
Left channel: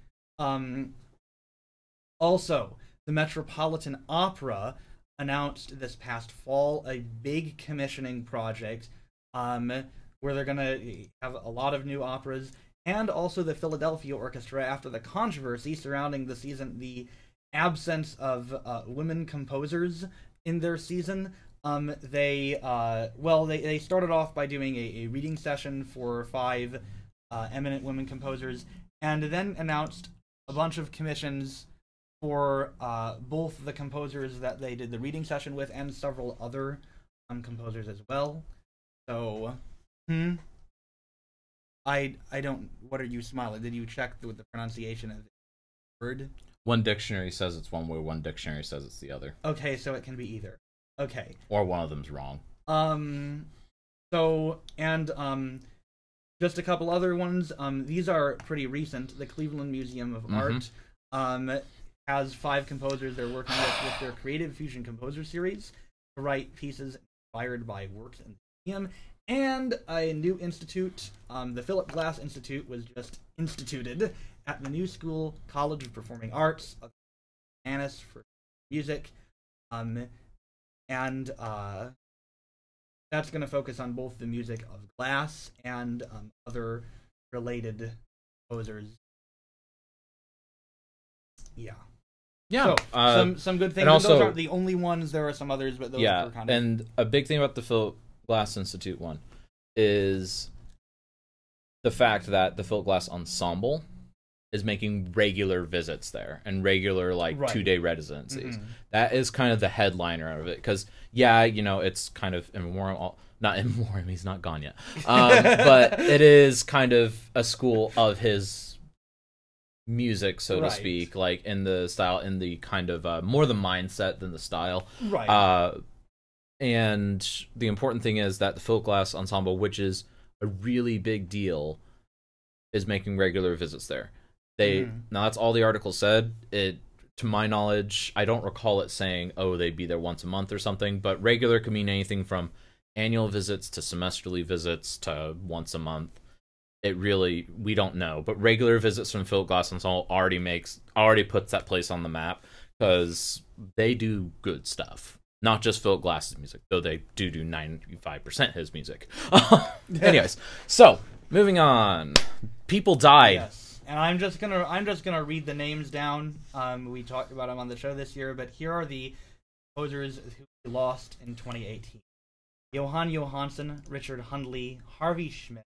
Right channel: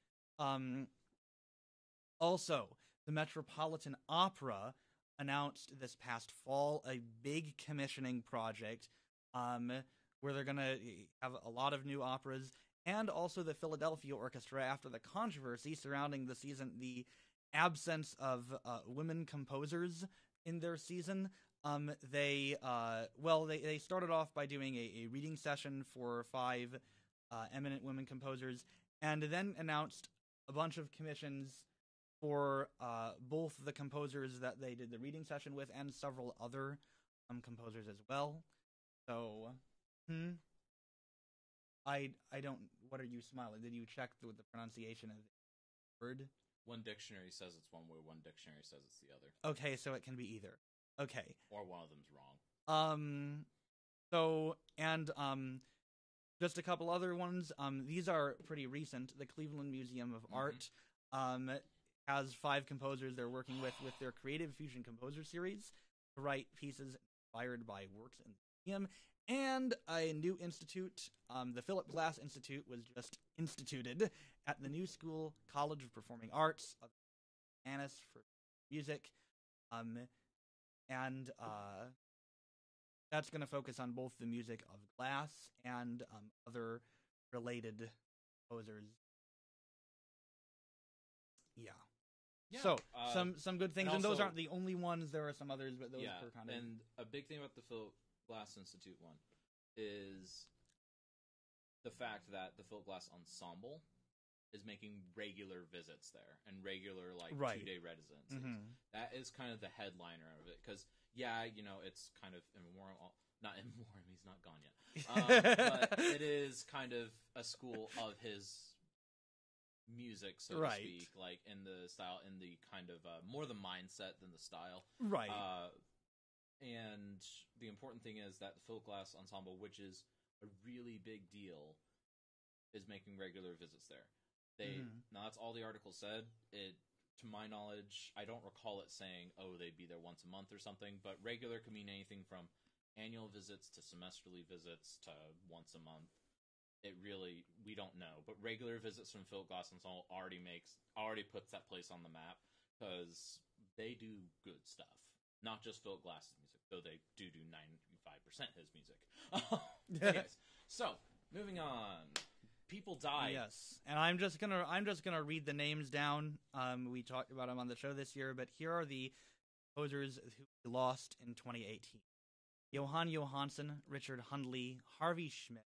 Also, the Metropolitan Opera announced this past fall a big commissioning project where they're going to have a lot of new operas, and also the Philadelphia Orchestra, after the controversy surrounding the absence of women composers in their season. They started off by doing a reading session for 5 eminent women composers, and then announced a bunch of commissions for both the composers that they did the reading session with and several other composers as well. So, I don't. What are you smiling? Did you check with the pronunciation of the word? One dictionary says it's one way. One dictionary says it's the other. Okay, so it can be either. Okay. Or one of them's wrong. Just a couple other ones. These are pretty recent. The Cleveland Museum of Art has 5 composers they're working with their Creative Fusion Composer Series to write pieces inspired by works in the museum. And a new institute, the Philip Glass Institute, was just instituted at the New School College of Performing Arts of Annis for music. That's going to focus on both the music of Glass and other related composers. Yeah. Yeah. So, some good things. Also, those aren't the only ones. There are some others, but those are kind of... And a big thing about the Philip Glass Institute one is the fact that the Philip Glass Ensemble is making regular visits there and regular 2-day residencies. That is kind of the headliner of it, because it's kind of not in memoriam, he's not gone yet, but it is kind of a school of his music, so to speak, like in the style, in the kind of more the mindset than the style, and the important thing is that the Philip Glass Ensemble, which is a really big deal, is making regular visits there. Now that's all the article said. It, to my knowledge, I don't recall it saying, they'd be there once a month or something, but regular could mean anything from annual visits to semesterly visits to once a month. We don't know, but regular visits from Philip Glass Ensemble already puts that place on the map, because they do good stuff. Not just Philip Glass's music, though they do 95% his music. Anyways, so moving on. People died. Yes, and I'm just gonna read the names down. We talked about them on the show this year, but here are the composers who lost in 2018: Johan Johansson, Richard Hundley, Harvey Schmidt,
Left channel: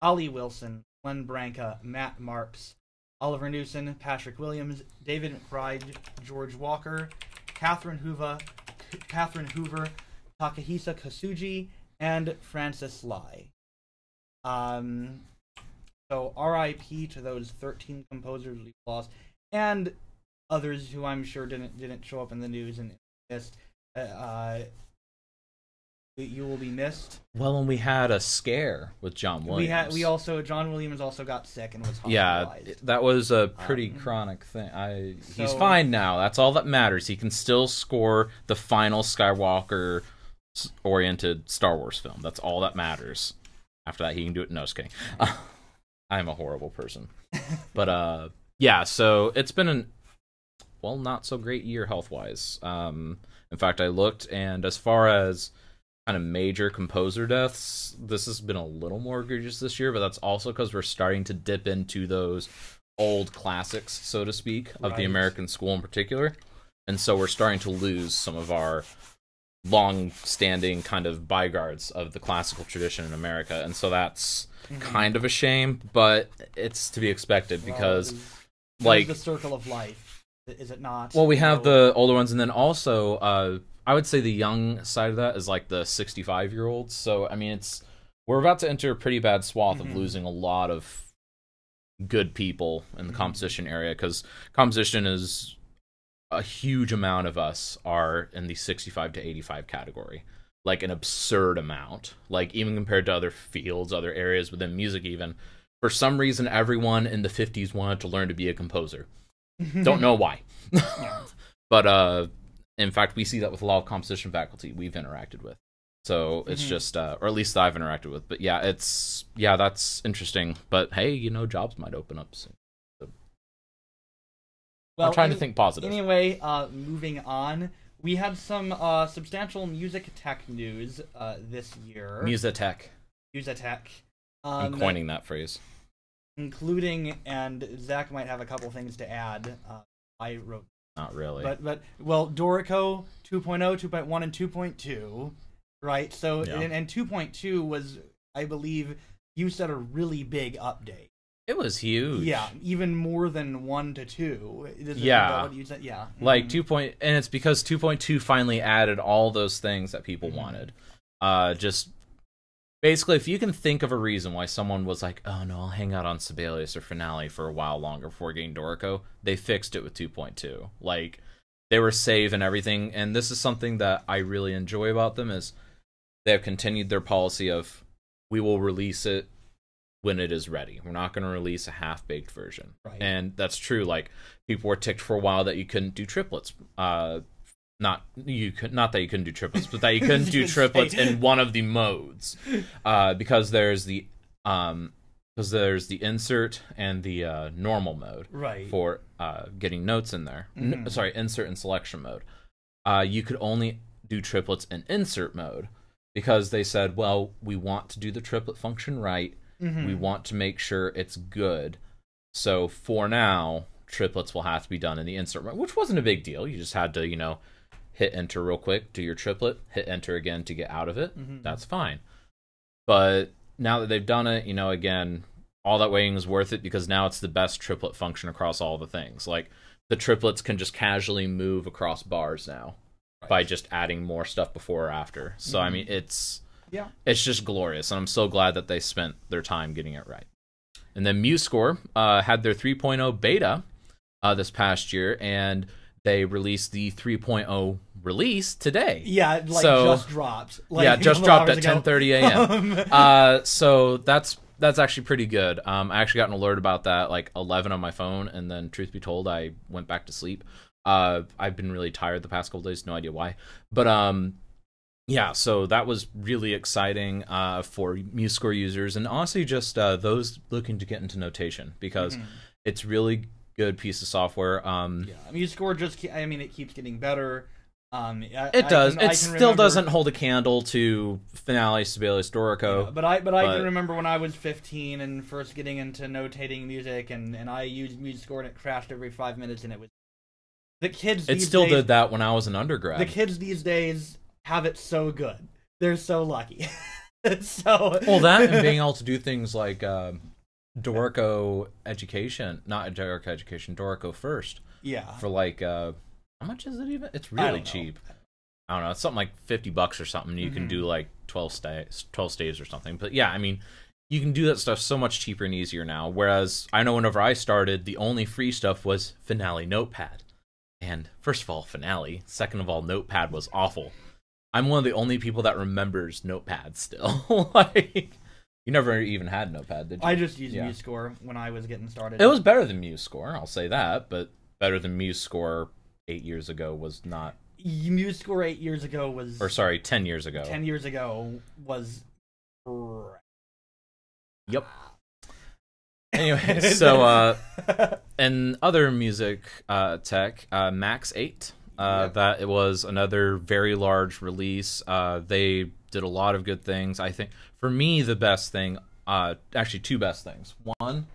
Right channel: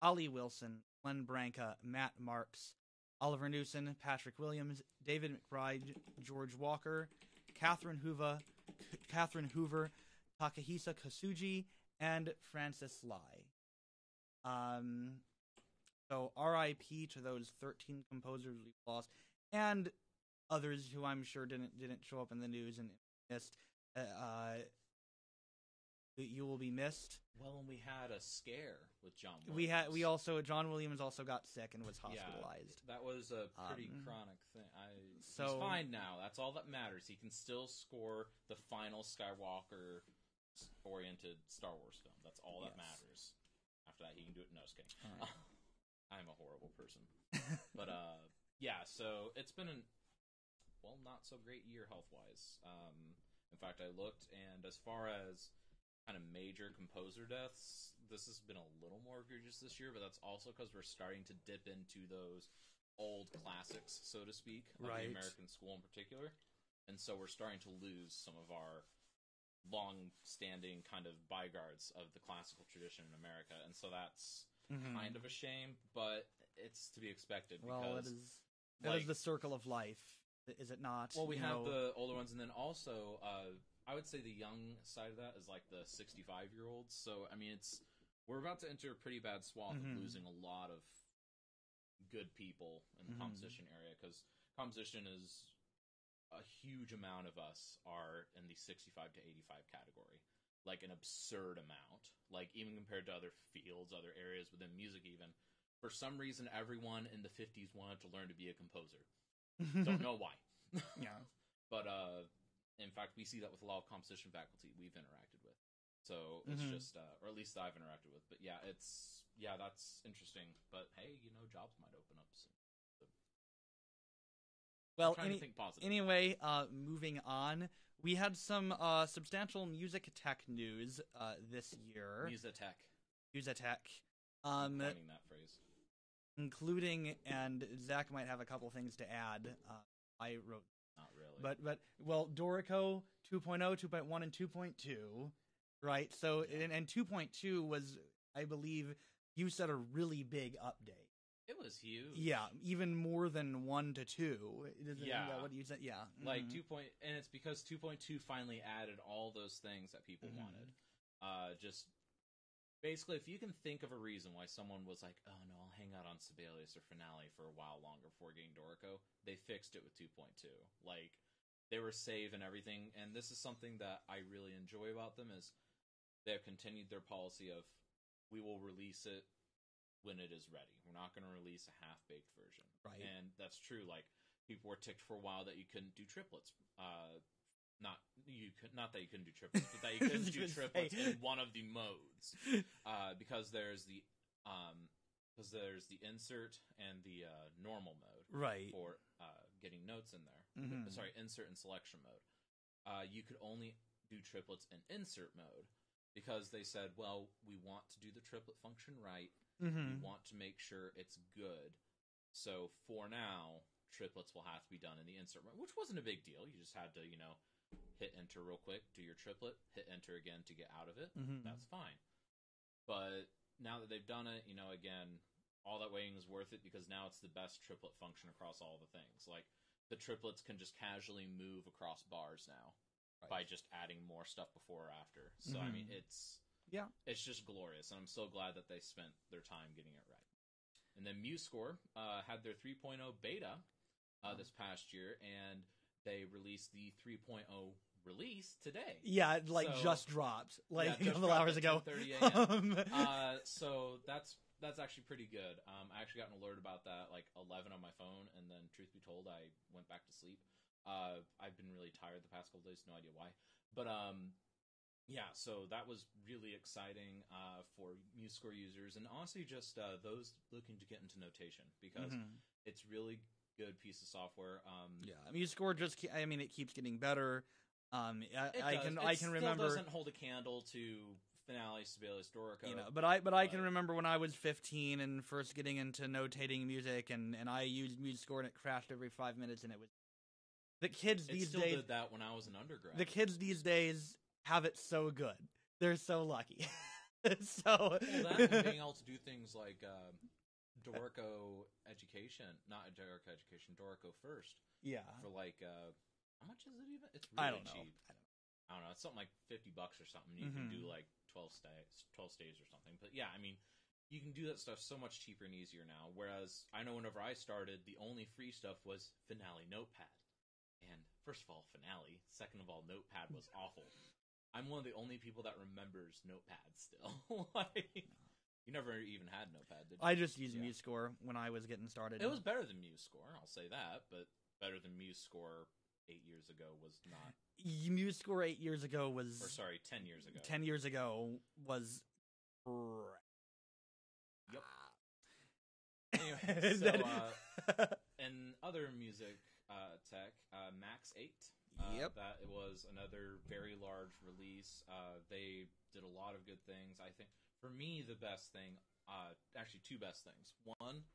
Ollie Wilson, Glenn Branca, Matt Marks, Oliver Newson, Patrick Williams, David McBride, George Walker, Catherine Hoover, Takahisa Kasuji, and Francis Lai. So R.I.P. to those 13 composers we lost, and others who I'm sure didn't show up in the news and missed. You will be missed. Well, and we had a scare with John Williams. John Williams also got sick and was hospitalized. Yeah, that was a pretty chronic thing. He's fine now. That's all that matters. He can still score the final Skywalker-oriented Star Wars film. That's all that matters. After that, he can do it. No, just kidding. I'm a horrible person. But, yeah, so it's been not so great year health-wise. In fact, I looked, and as far as kind of major composer deaths, this has been a little more egregious this year, but that's also because we're starting to dip into those old classics, so to speak, of the American school in particular. And so we're starting to lose some of our long-standing kind of byguards of the classical tradition in America. And so that's kind of a shame, but it's to be expected because, like, the circle of life, is it not? Well, we have the older ones, and then also, I would say the young side of that is like the 65-year-olds. So, I mean, we're about to enter a pretty bad swath of losing a lot of good people in the composition area, because composition is a huge amount of us are in the 65 to 85 category. Like, an absurd amount. Like, even compared to other fields, other areas within music even. For some reason, everyone in the 50s wanted to learn to be a composer. Don't know why. But, in fact, we see that with a lot of composition faculty we've interacted with. So it's just, or at least I've interacted with. But yeah, that's interesting. But hey, jobs might open up soon. So, I'm trying to think positive. Anyway, moving on. We had some substantial music tech news this year. Musitech. I'm coining that phrase. Including, and Zach might have a couple things to add. I wrote. Not really. But Dorico 2.0, 2.1, and 2.2, right? So, and 2.2 was, I believe, you said a really big update. It was huge. Yeah, even more than 1 to 2. Yeah. What you said? Yeah. Like and it's because 2.2 finally added all those things that people wanted. Just basically, if you can think of a reason why someone was like, oh no, I'll hang out on Sibelius or Finale for a while longer before getting Dorico, they fixed it with 2.2. Like, they were safe and everything, and this is something that I really enjoy about them, is they have continued their policy of, we will release it when it is ready. We're not going to release a half-baked version. Right. And that's true. Like, people were ticked for a while that you couldn't do triplets. Not that you couldn't do triplets, but that you couldn't do triplets in one of the modes, because there's the insert and the normal mode, right, for getting notes in there. Insert and selection mode. You could only do triplets in insert mode because they said, well, we want to do the triplet function right. We want to make sure it's good. So for now, triplets will have to be done in the insert mode, which wasn't a big deal. You just had to, hit enter real quick, do your triplet, hit enter again to get out of it. That's fine. But now that they've done it, again, all that waiting is worth it, because now it's the best triplet function across all the things. Like, the triplets can just casually move across bars now by just adding more stuff before or after. So, I mean, it's just glorious, and I'm so glad that they spent their time getting it right. And then MuseScore had their 3.0 beta this past year, and they released the 3.0 release today. Yeah, just dropped. Just dropped at 10:30 a.m. So that's actually pretty good. I actually got an alert about that like 11 on my phone, and then truth be told, I went back to sleep. I've been really tired the past couple days, no idea why. But so that was really exciting for MuseScore users, and honestly just those looking to get into notation, because it's really good piece of software. MuseScore it keeps getting better. It does. It still doesn't hold a candle to Finale, Sibelius, Dorico. Yeah, but I can remember when I was 15 and first getting into notating music, and I used MuseScore, and it crashed every 5 minutes, and it was the kids. It still did that when I was an undergrad. The kids these days have it so good. They're so lucky. That and being able to do things like Dorico First. Yeah. For like, how much is it even? It's really cheap. I don't know. It's something like $50 or something. You can do like 12 staves or something. But yeah, I mean, you can do that stuff so much cheaper and easier now. Whereas I know whenever I started, the only free stuff was Finale Notepad. And first of all, Finale. Second of all, Notepad was awful. I'm one of the only people that remembers Notepad still. Like, you never even had Notepad, did you? I just used MuseScore when I was getting started. It was better than MuseScore, I'll say that, but better than MuseScore 8 years ago was not. MuseScore 8 years ago was... Or sorry, 10 years ago. 10 years ago was... Yep. Anyway, so, and other music tech, Max 8, that it was another very large release. They did a lot of good things. I think, for me, the best thing, actually two best things. One,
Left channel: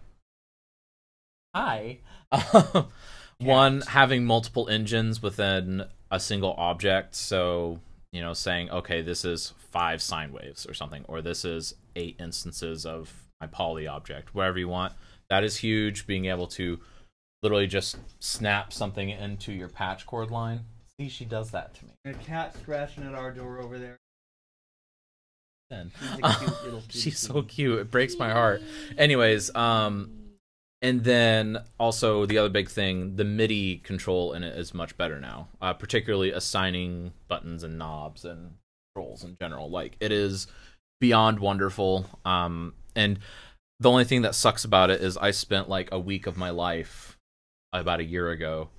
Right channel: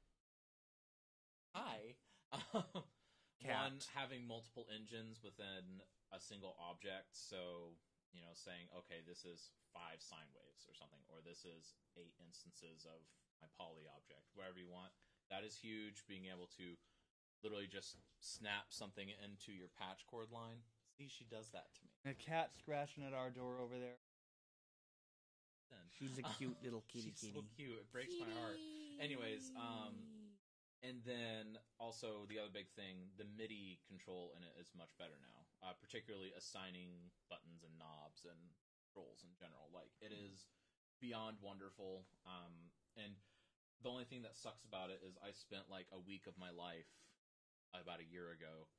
one, having multiple engines within a single object. So, you know, saying, okay, this is 5 sine waves or something, or this is 8 instances of my poly object, wherever you want. That is huge, being able to literally just snap something into your patch cord line. See, she does that to me. A cat scratching at our door over there. She's so cute. It breaks my heart. Anyways, and then also the other big thing, the MIDI control in it is much better now, particularly assigning buttons and knobs and controls in general. Like, it is beyond wonderful. And the only thing that sucks about it is I spent like a week of my life about a year ago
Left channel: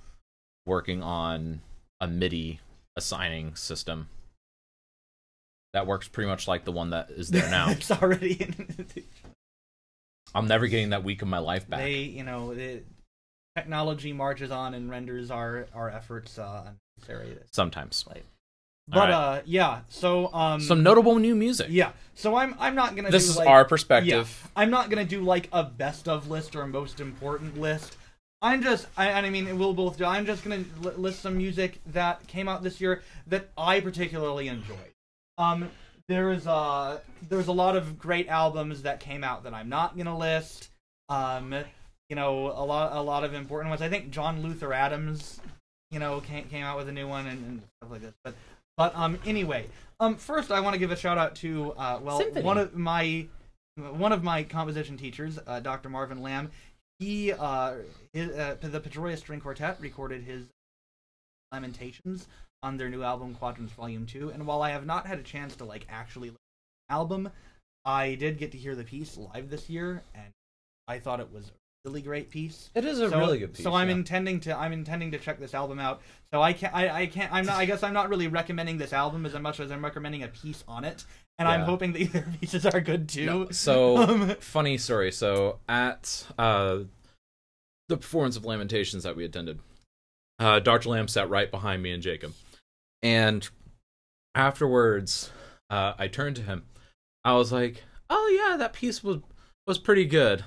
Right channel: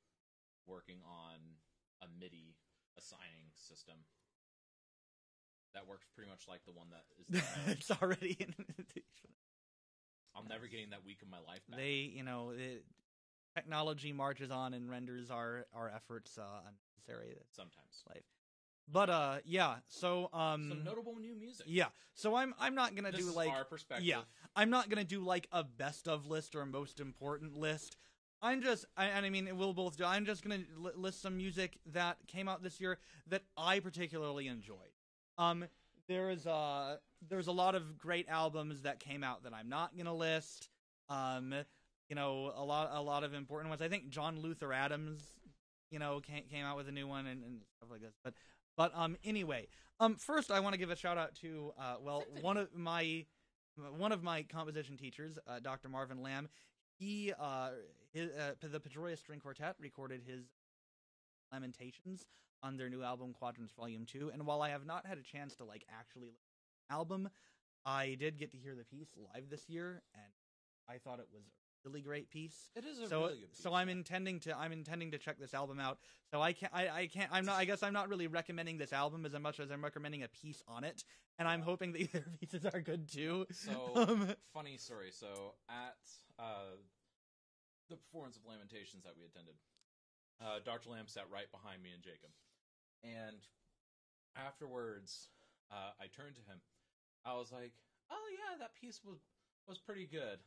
working on a MIDI assigning system that works pretty much like the one that is there now. It's already in. I'm never getting that week of my life back. Technology marches on and renders our efforts unnecessary. Sometimes. But right. So some notable new music. Yeah. So I'm not gonna. This is our perspective. Yeah, I'm not gonna do like a best of list or a most important list. I'm just, I mean, we'll both do. I'm just gonna list some music that came out this year that I particularly enjoyed. There's a lot of great albums that came out that I'm not gonna list. You know, a lot of important ones. I think John Luther Adams, you know, came out with a new one and stuff like this. But anyway, first I want to give a shout out to Symphony. one of my composition teachers, Dr. Marvin Lamb. He the Pedroia String Quartet recorded his Lamentations on their new album Quadrants Volume 2, and while I have not had a chance to like actually listen to the album, I did get to hear the piece live this year, and I thought it was a really great piece. It is a really good piece. So I'm intending to check this album out. So I guess I'm not really recommending this album as much as I'm recommending a piece on it, and I'm hoping that their pieces are good too. No. So funny story. So at the performance of Lamentations that we attended, Dr. Lamb sat right behind me and Jacob, and afterwards, I turned to him. I was like, "Oh yeah, that piece was pretty good.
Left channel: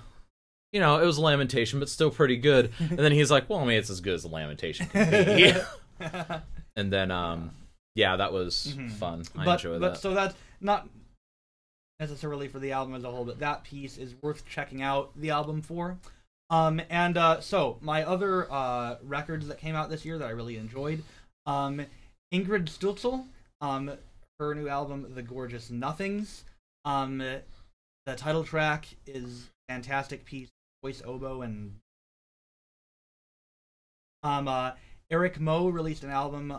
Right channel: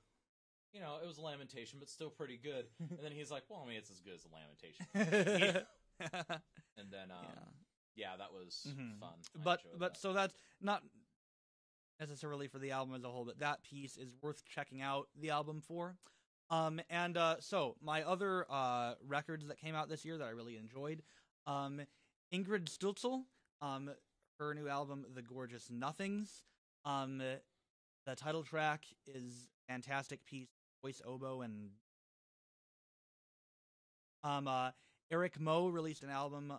You know, it was a lamentation, but still pretty good." And then he's like, "Well, I mean, it's as good as a lamentation can be." And then, that was fun. I enjoyed that. So that's not necessarily for the album as a whole, but that piece is worth checking out the album for. So my other records that came out this year that I really enjoyed, Ingrid Stutzel, her new album, The Gorgeous Nothings. The title track is a fantastic piece, voice oboe, and Eric Moe released an album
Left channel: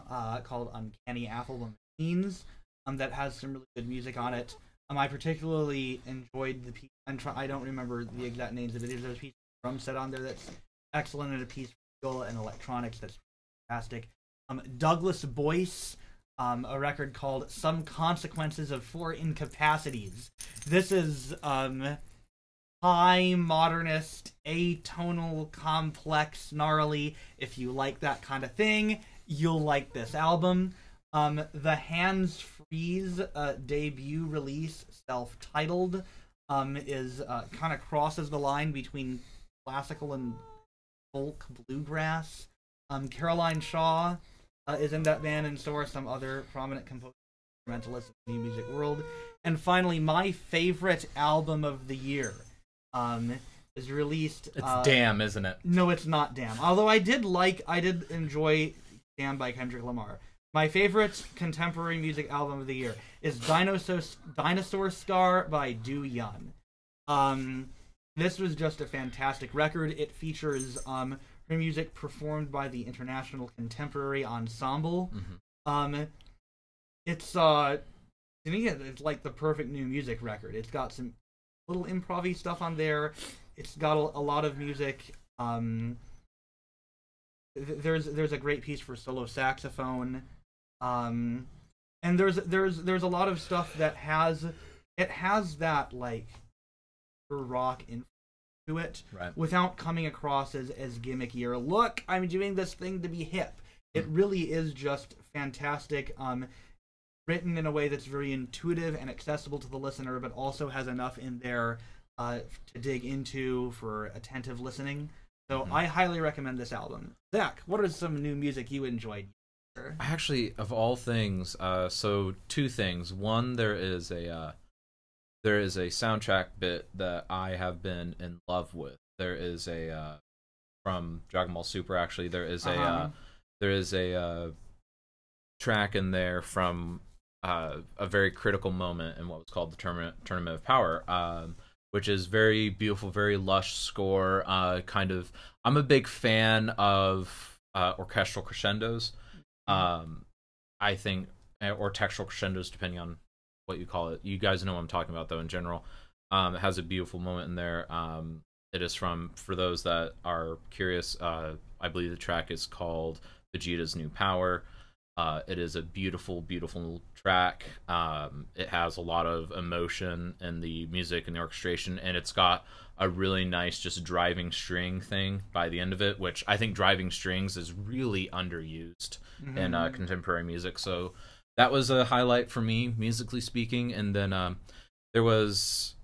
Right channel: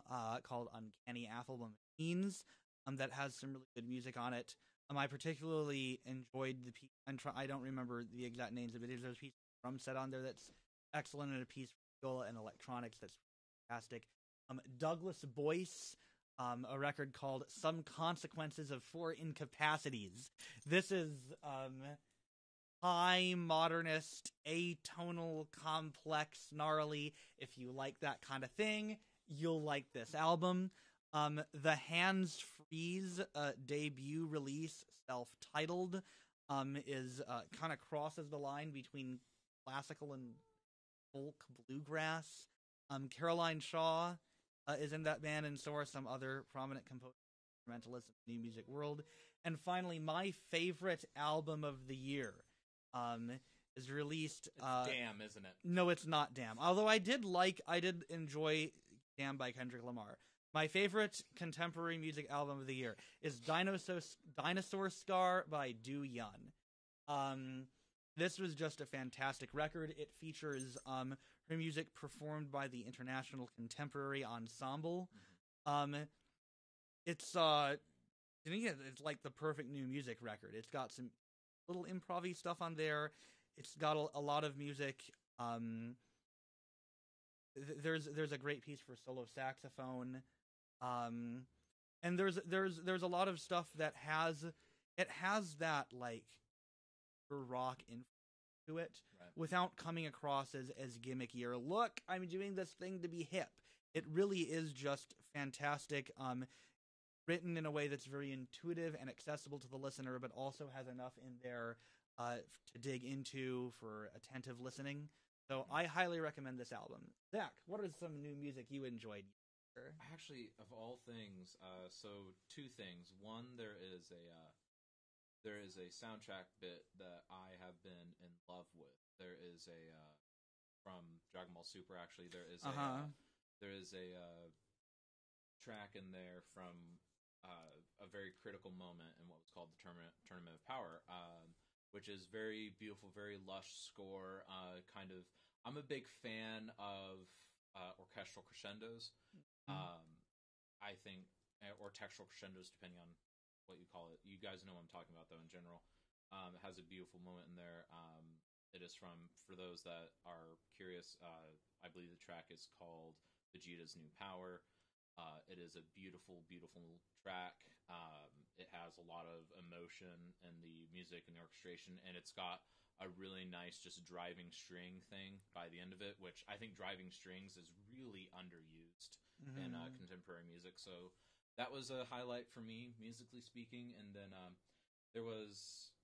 called Uncanny Affable Machines that has some really good music on it. I particularly enjoyed the piece. I don't remember the exact names of it. There's a piece of drum set on there that's excellent, and a piece for viola and electronics that's fantastic. Douglas Boyce, a record called Some Consequences of Four Incapacities. This is high, modernist, atonal, complex, gnarly. If you like that kind of thing, you'll like this album. The Hands Freeze debut release, self-titled, is kind of crosses the line between classical and folk bluegrass. Caroline Shaw is in that band, and so are some other prominent composers, instrumentalists in the new music world. And finally, my favorite album of the year is released. It's Damn, isn't it? No, it's not Damn. Although I did enjoy Damn by Kendrick Lamar. My favorite contemporary music album of the year is Dinosaur Scar by Du Yun. This was just a fantastic record. It features her music performed by the International Contemporary Ensemble. it's to me it's like the perfect new music record. It's got some little improv-y stuff on there. It's got a lot of music. There's a great piece for solo saxophone, and there's a lot of stuff that has that like rock influence to it, right, without coming across as gimmicky or look, I'm doing this thing to be hip. It really is just fantastic. Written in a way that's very intuitive and accessible to the listener, but also has enough in there to dig into for attentive listening. So I highly recommend this album. Zach, what are some new music you enjoyed? Actually, of all things, so two things. One, there is a soundtrack bit that I have been in love with. There is a from Dragon Ball Super. Actually, there is a track in there from a very critical moment in what was called the Tournament of Power, which is very beautiful, very lush score. I'm a big fan of orchestral crescendos. I think, or textural crescendos, depending on what you call it. You guys know what I'm talking about, though. In general, it has a beautiful moment in there. It is for those that are curious, I believe the track is called Vegeta's New Power. It is a beautiful, beautiful track. It has a lot of emotion in the music and the orchestration, and it's got a really nice just driving string thing by the end of it, which I think driving strings is really underused in contemporary music. So that was a highlight for me, musically speaking. And then there was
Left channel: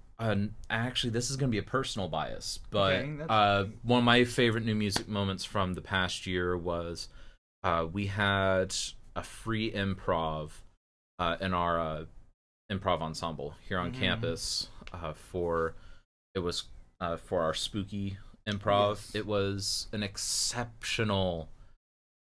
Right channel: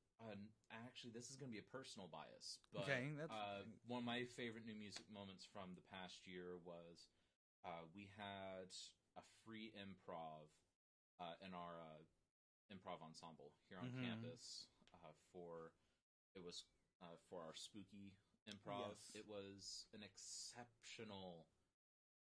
actually, this is going to be a personal bias, but one of my favorite new music moments from the past year was we had a free improv in our improv ensemble here on campus for our spooky improv. Yes. It was an exceptional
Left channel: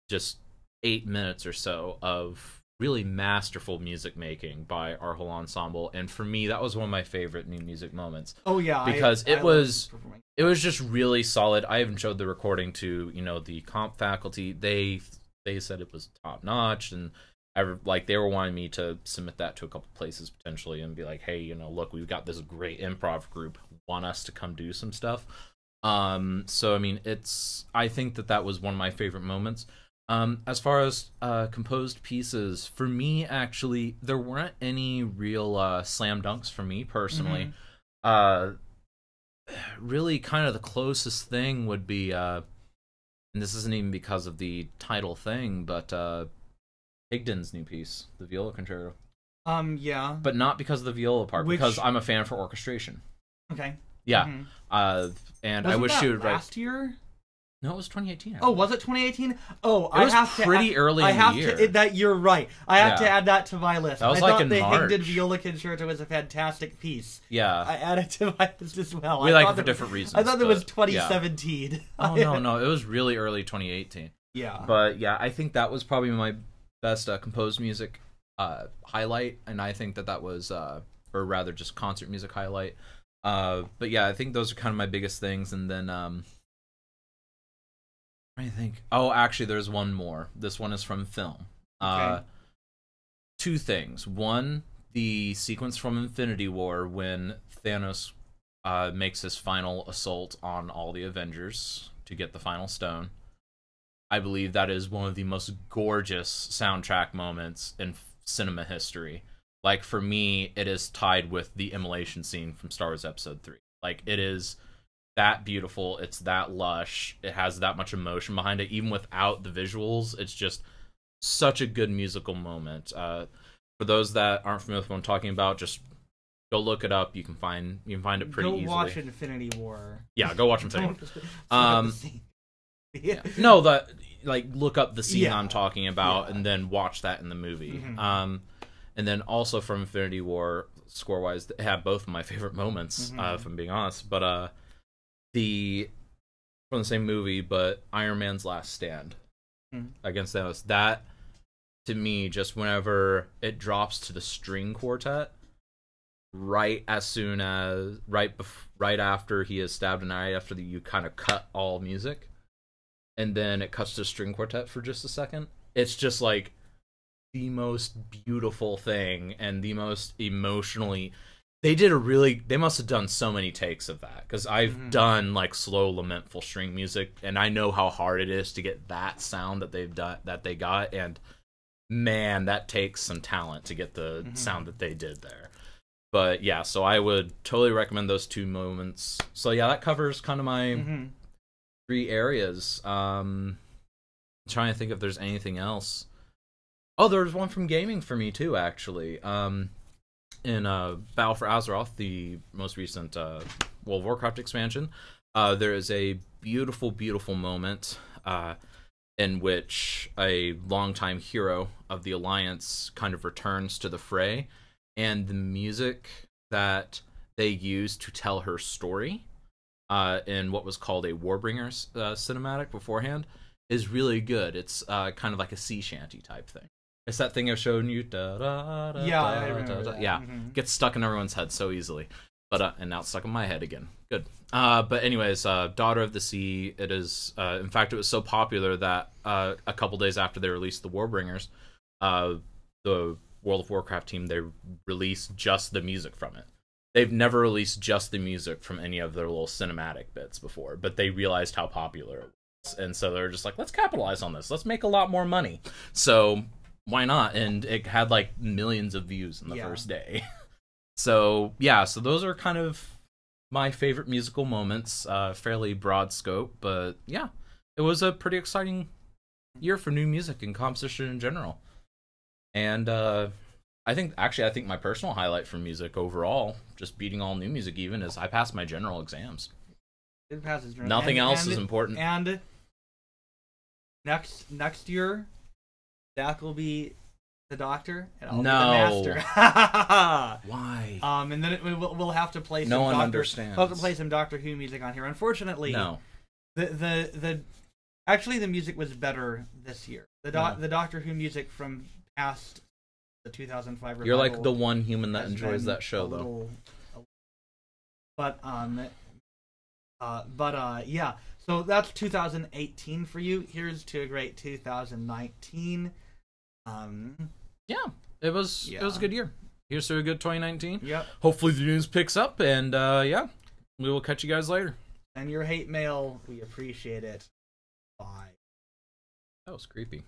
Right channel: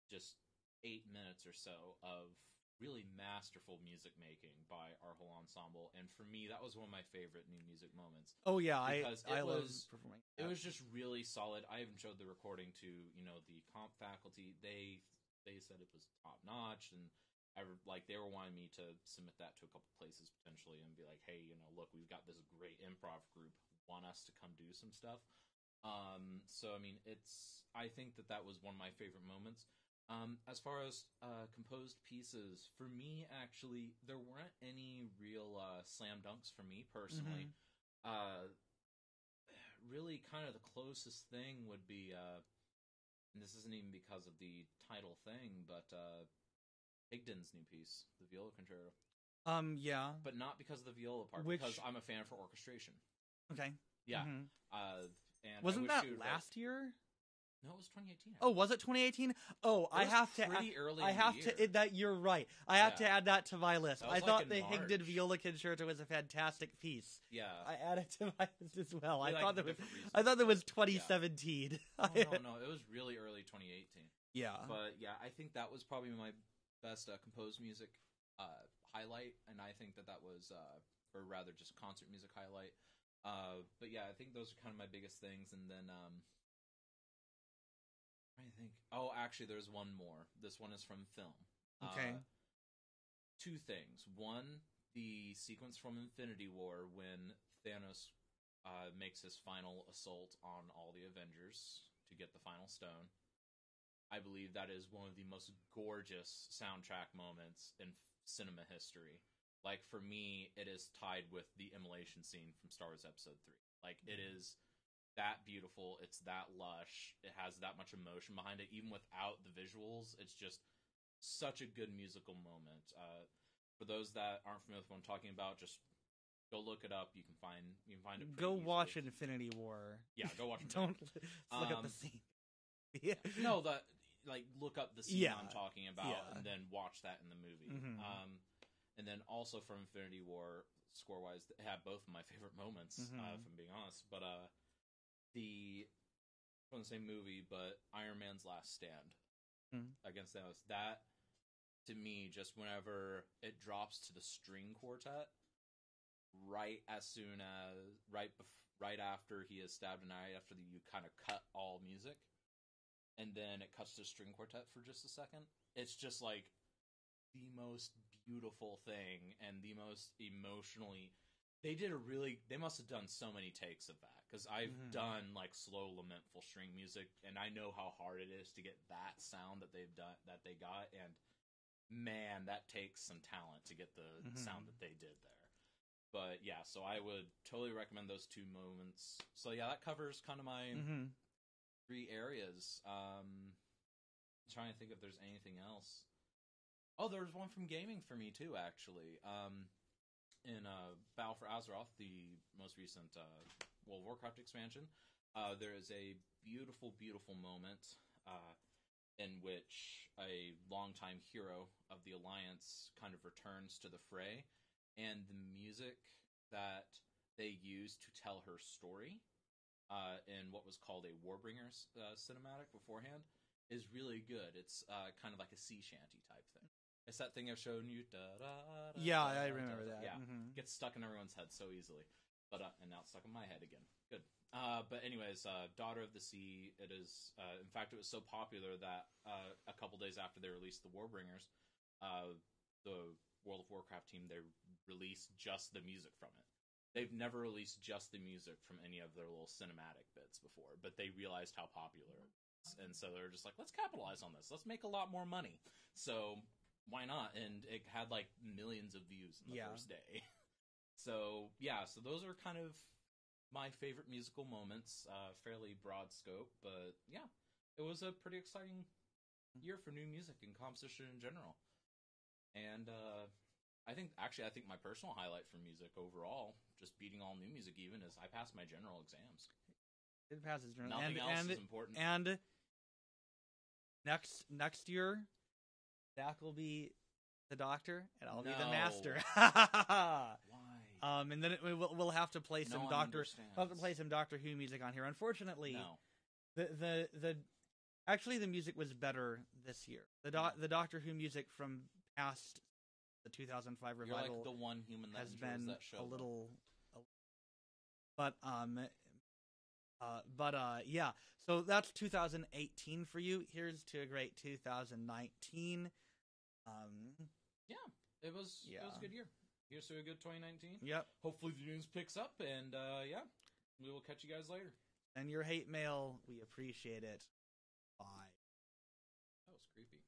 just 8 minutes or so of really masterful music making by our whole ensemble, and for me that was one of my favorite new music moments. Oh yeah, because it was just really solid. I even showed the recording to the comp faculty. They said it was top notch, and they were wanting me to submit that to a couple places potentially and be like, hey, look, we've got this great improv group, want us to come do some stuff. So I mean, I think that was one of my favorite moments. As far as composed pieces, for me, actually, there weren't any real slam dunks for me personally. Really, kind of the closest thing would be, and this isn't even because of the title thing, but Higdon's new piece, the viola concerto. Yeah. But not because of the viola part, because I'm a fan for orchestration. Okay. Yeah. And I wish she would write. Last year? No, it was 2018. Oh, was it 2018? Oh, it was pretty early in the year. You're right. I have to add that to my list. That was I thought in the March. Higdon Viola Concerto was a fantastic piece. Yeah. I added to my list as well. We like it for different reasons. I thought it was 2017. Yeah. Oh, no. It was really early 2018. Yeah. But yeah, I think that was probably my best composed music highlight, and I think that was, or rather just concert music highlight. But yeah, I think those are kind of my biggest things, and then I think. Oh, actually, there's one more. This one is from film. Okay. Two things. One, the sequence from Infinity War when Thanos makes his final assault on all the Avengers to get the final stone. I believe that is one of the most gorgeous soundtrack moments in cinema history. Like, for me, it is tied with the immolation scene from Star Wars Episode 3. Like, it is that beautiful, it's that lush, it has that much emotion behind it, even without the visuals. It's just such a good musical moment. For those that aren't familiar with what I'm talking about, just go look it up. You can find it pretty easily. Go watch Infinity War. Yeah, go watch Infinity War. Yeah. No, look up the scene I'm talking about, and then watch that in the movie. And then also from Infinity War, score-wise, they have both of my favorite moments, if I'm being honest. But from the same movie, but Iron Man's last stand against Thanos. That, to me, just whenever it drops to the string quartet, right after he is stabbed, and right after you kind of cut all music, and then it cuts to string quartet for just a second. It's just like the most beautiful thing and the most emotionally. They must have done so many takes of that, because I've done like slow lamentful string music, and I know how hard it is to get that sound that they got, and man, that takes some talent to get the sound that they did there. But yeah, so I would totally recommend those two moments. So yeah, that covers kind of my 3 areas. I'm trying to think if there's anything else. Oh, there's one from gaming for me too, actually. In Battle for Azeroth, the most recent World of Warcraft expansion, there is a beautiful, beautiful moment in which a longtime hero of the Alliance kind of returns to the fray, and the music that they use to tell her story in what was called a Warbringers cinematic beforehand is really good. It's kind of like a sea shanty type thing. It's that thing I've shown you. Yeah, gets stuck in everyone's head so easily. But and now it's stuck in my head again. Good. But anyways, Daughter of the Sea. It is. In fact, it was so popular that a couple days after they released the Warbringers, the World of Warcraft team, they released just the music from it. They've never released just the music from any of their little cinematic bits before, but they realized how popular it was, and so they're just like, let's capitalize on this. Let's make a lot more money. So why not? And it had like millions of views in the first day. So yeah, so those are kind of my favorite musical moments. Fairly broad scope, but yeah, it was a pretty exciting year for new music and composition in general. And I think my personal highlight for music overall, just beating all new music even, is I passed my general exams. It passes. Nothing else is important. And next year, Zach will be the doctor, and I'll be the master. Why? And then we'll have to play. No one understands. We'll have to play some Doctor Who music on here. Unfortunately, no. Actually, the music was better this year. The Doctor Who music from past the 2005 revival. You're like the one human that enjoys that show, though. Yeah. So that's 2018 for you. Here's to a great 2019. Yeah, it was a good year. Here's to a good 2019. Yep. Hopefully the news picks up, and yeah, we will catch you guys later. And your hate mail, we appreciate it. Bye. That was creepy.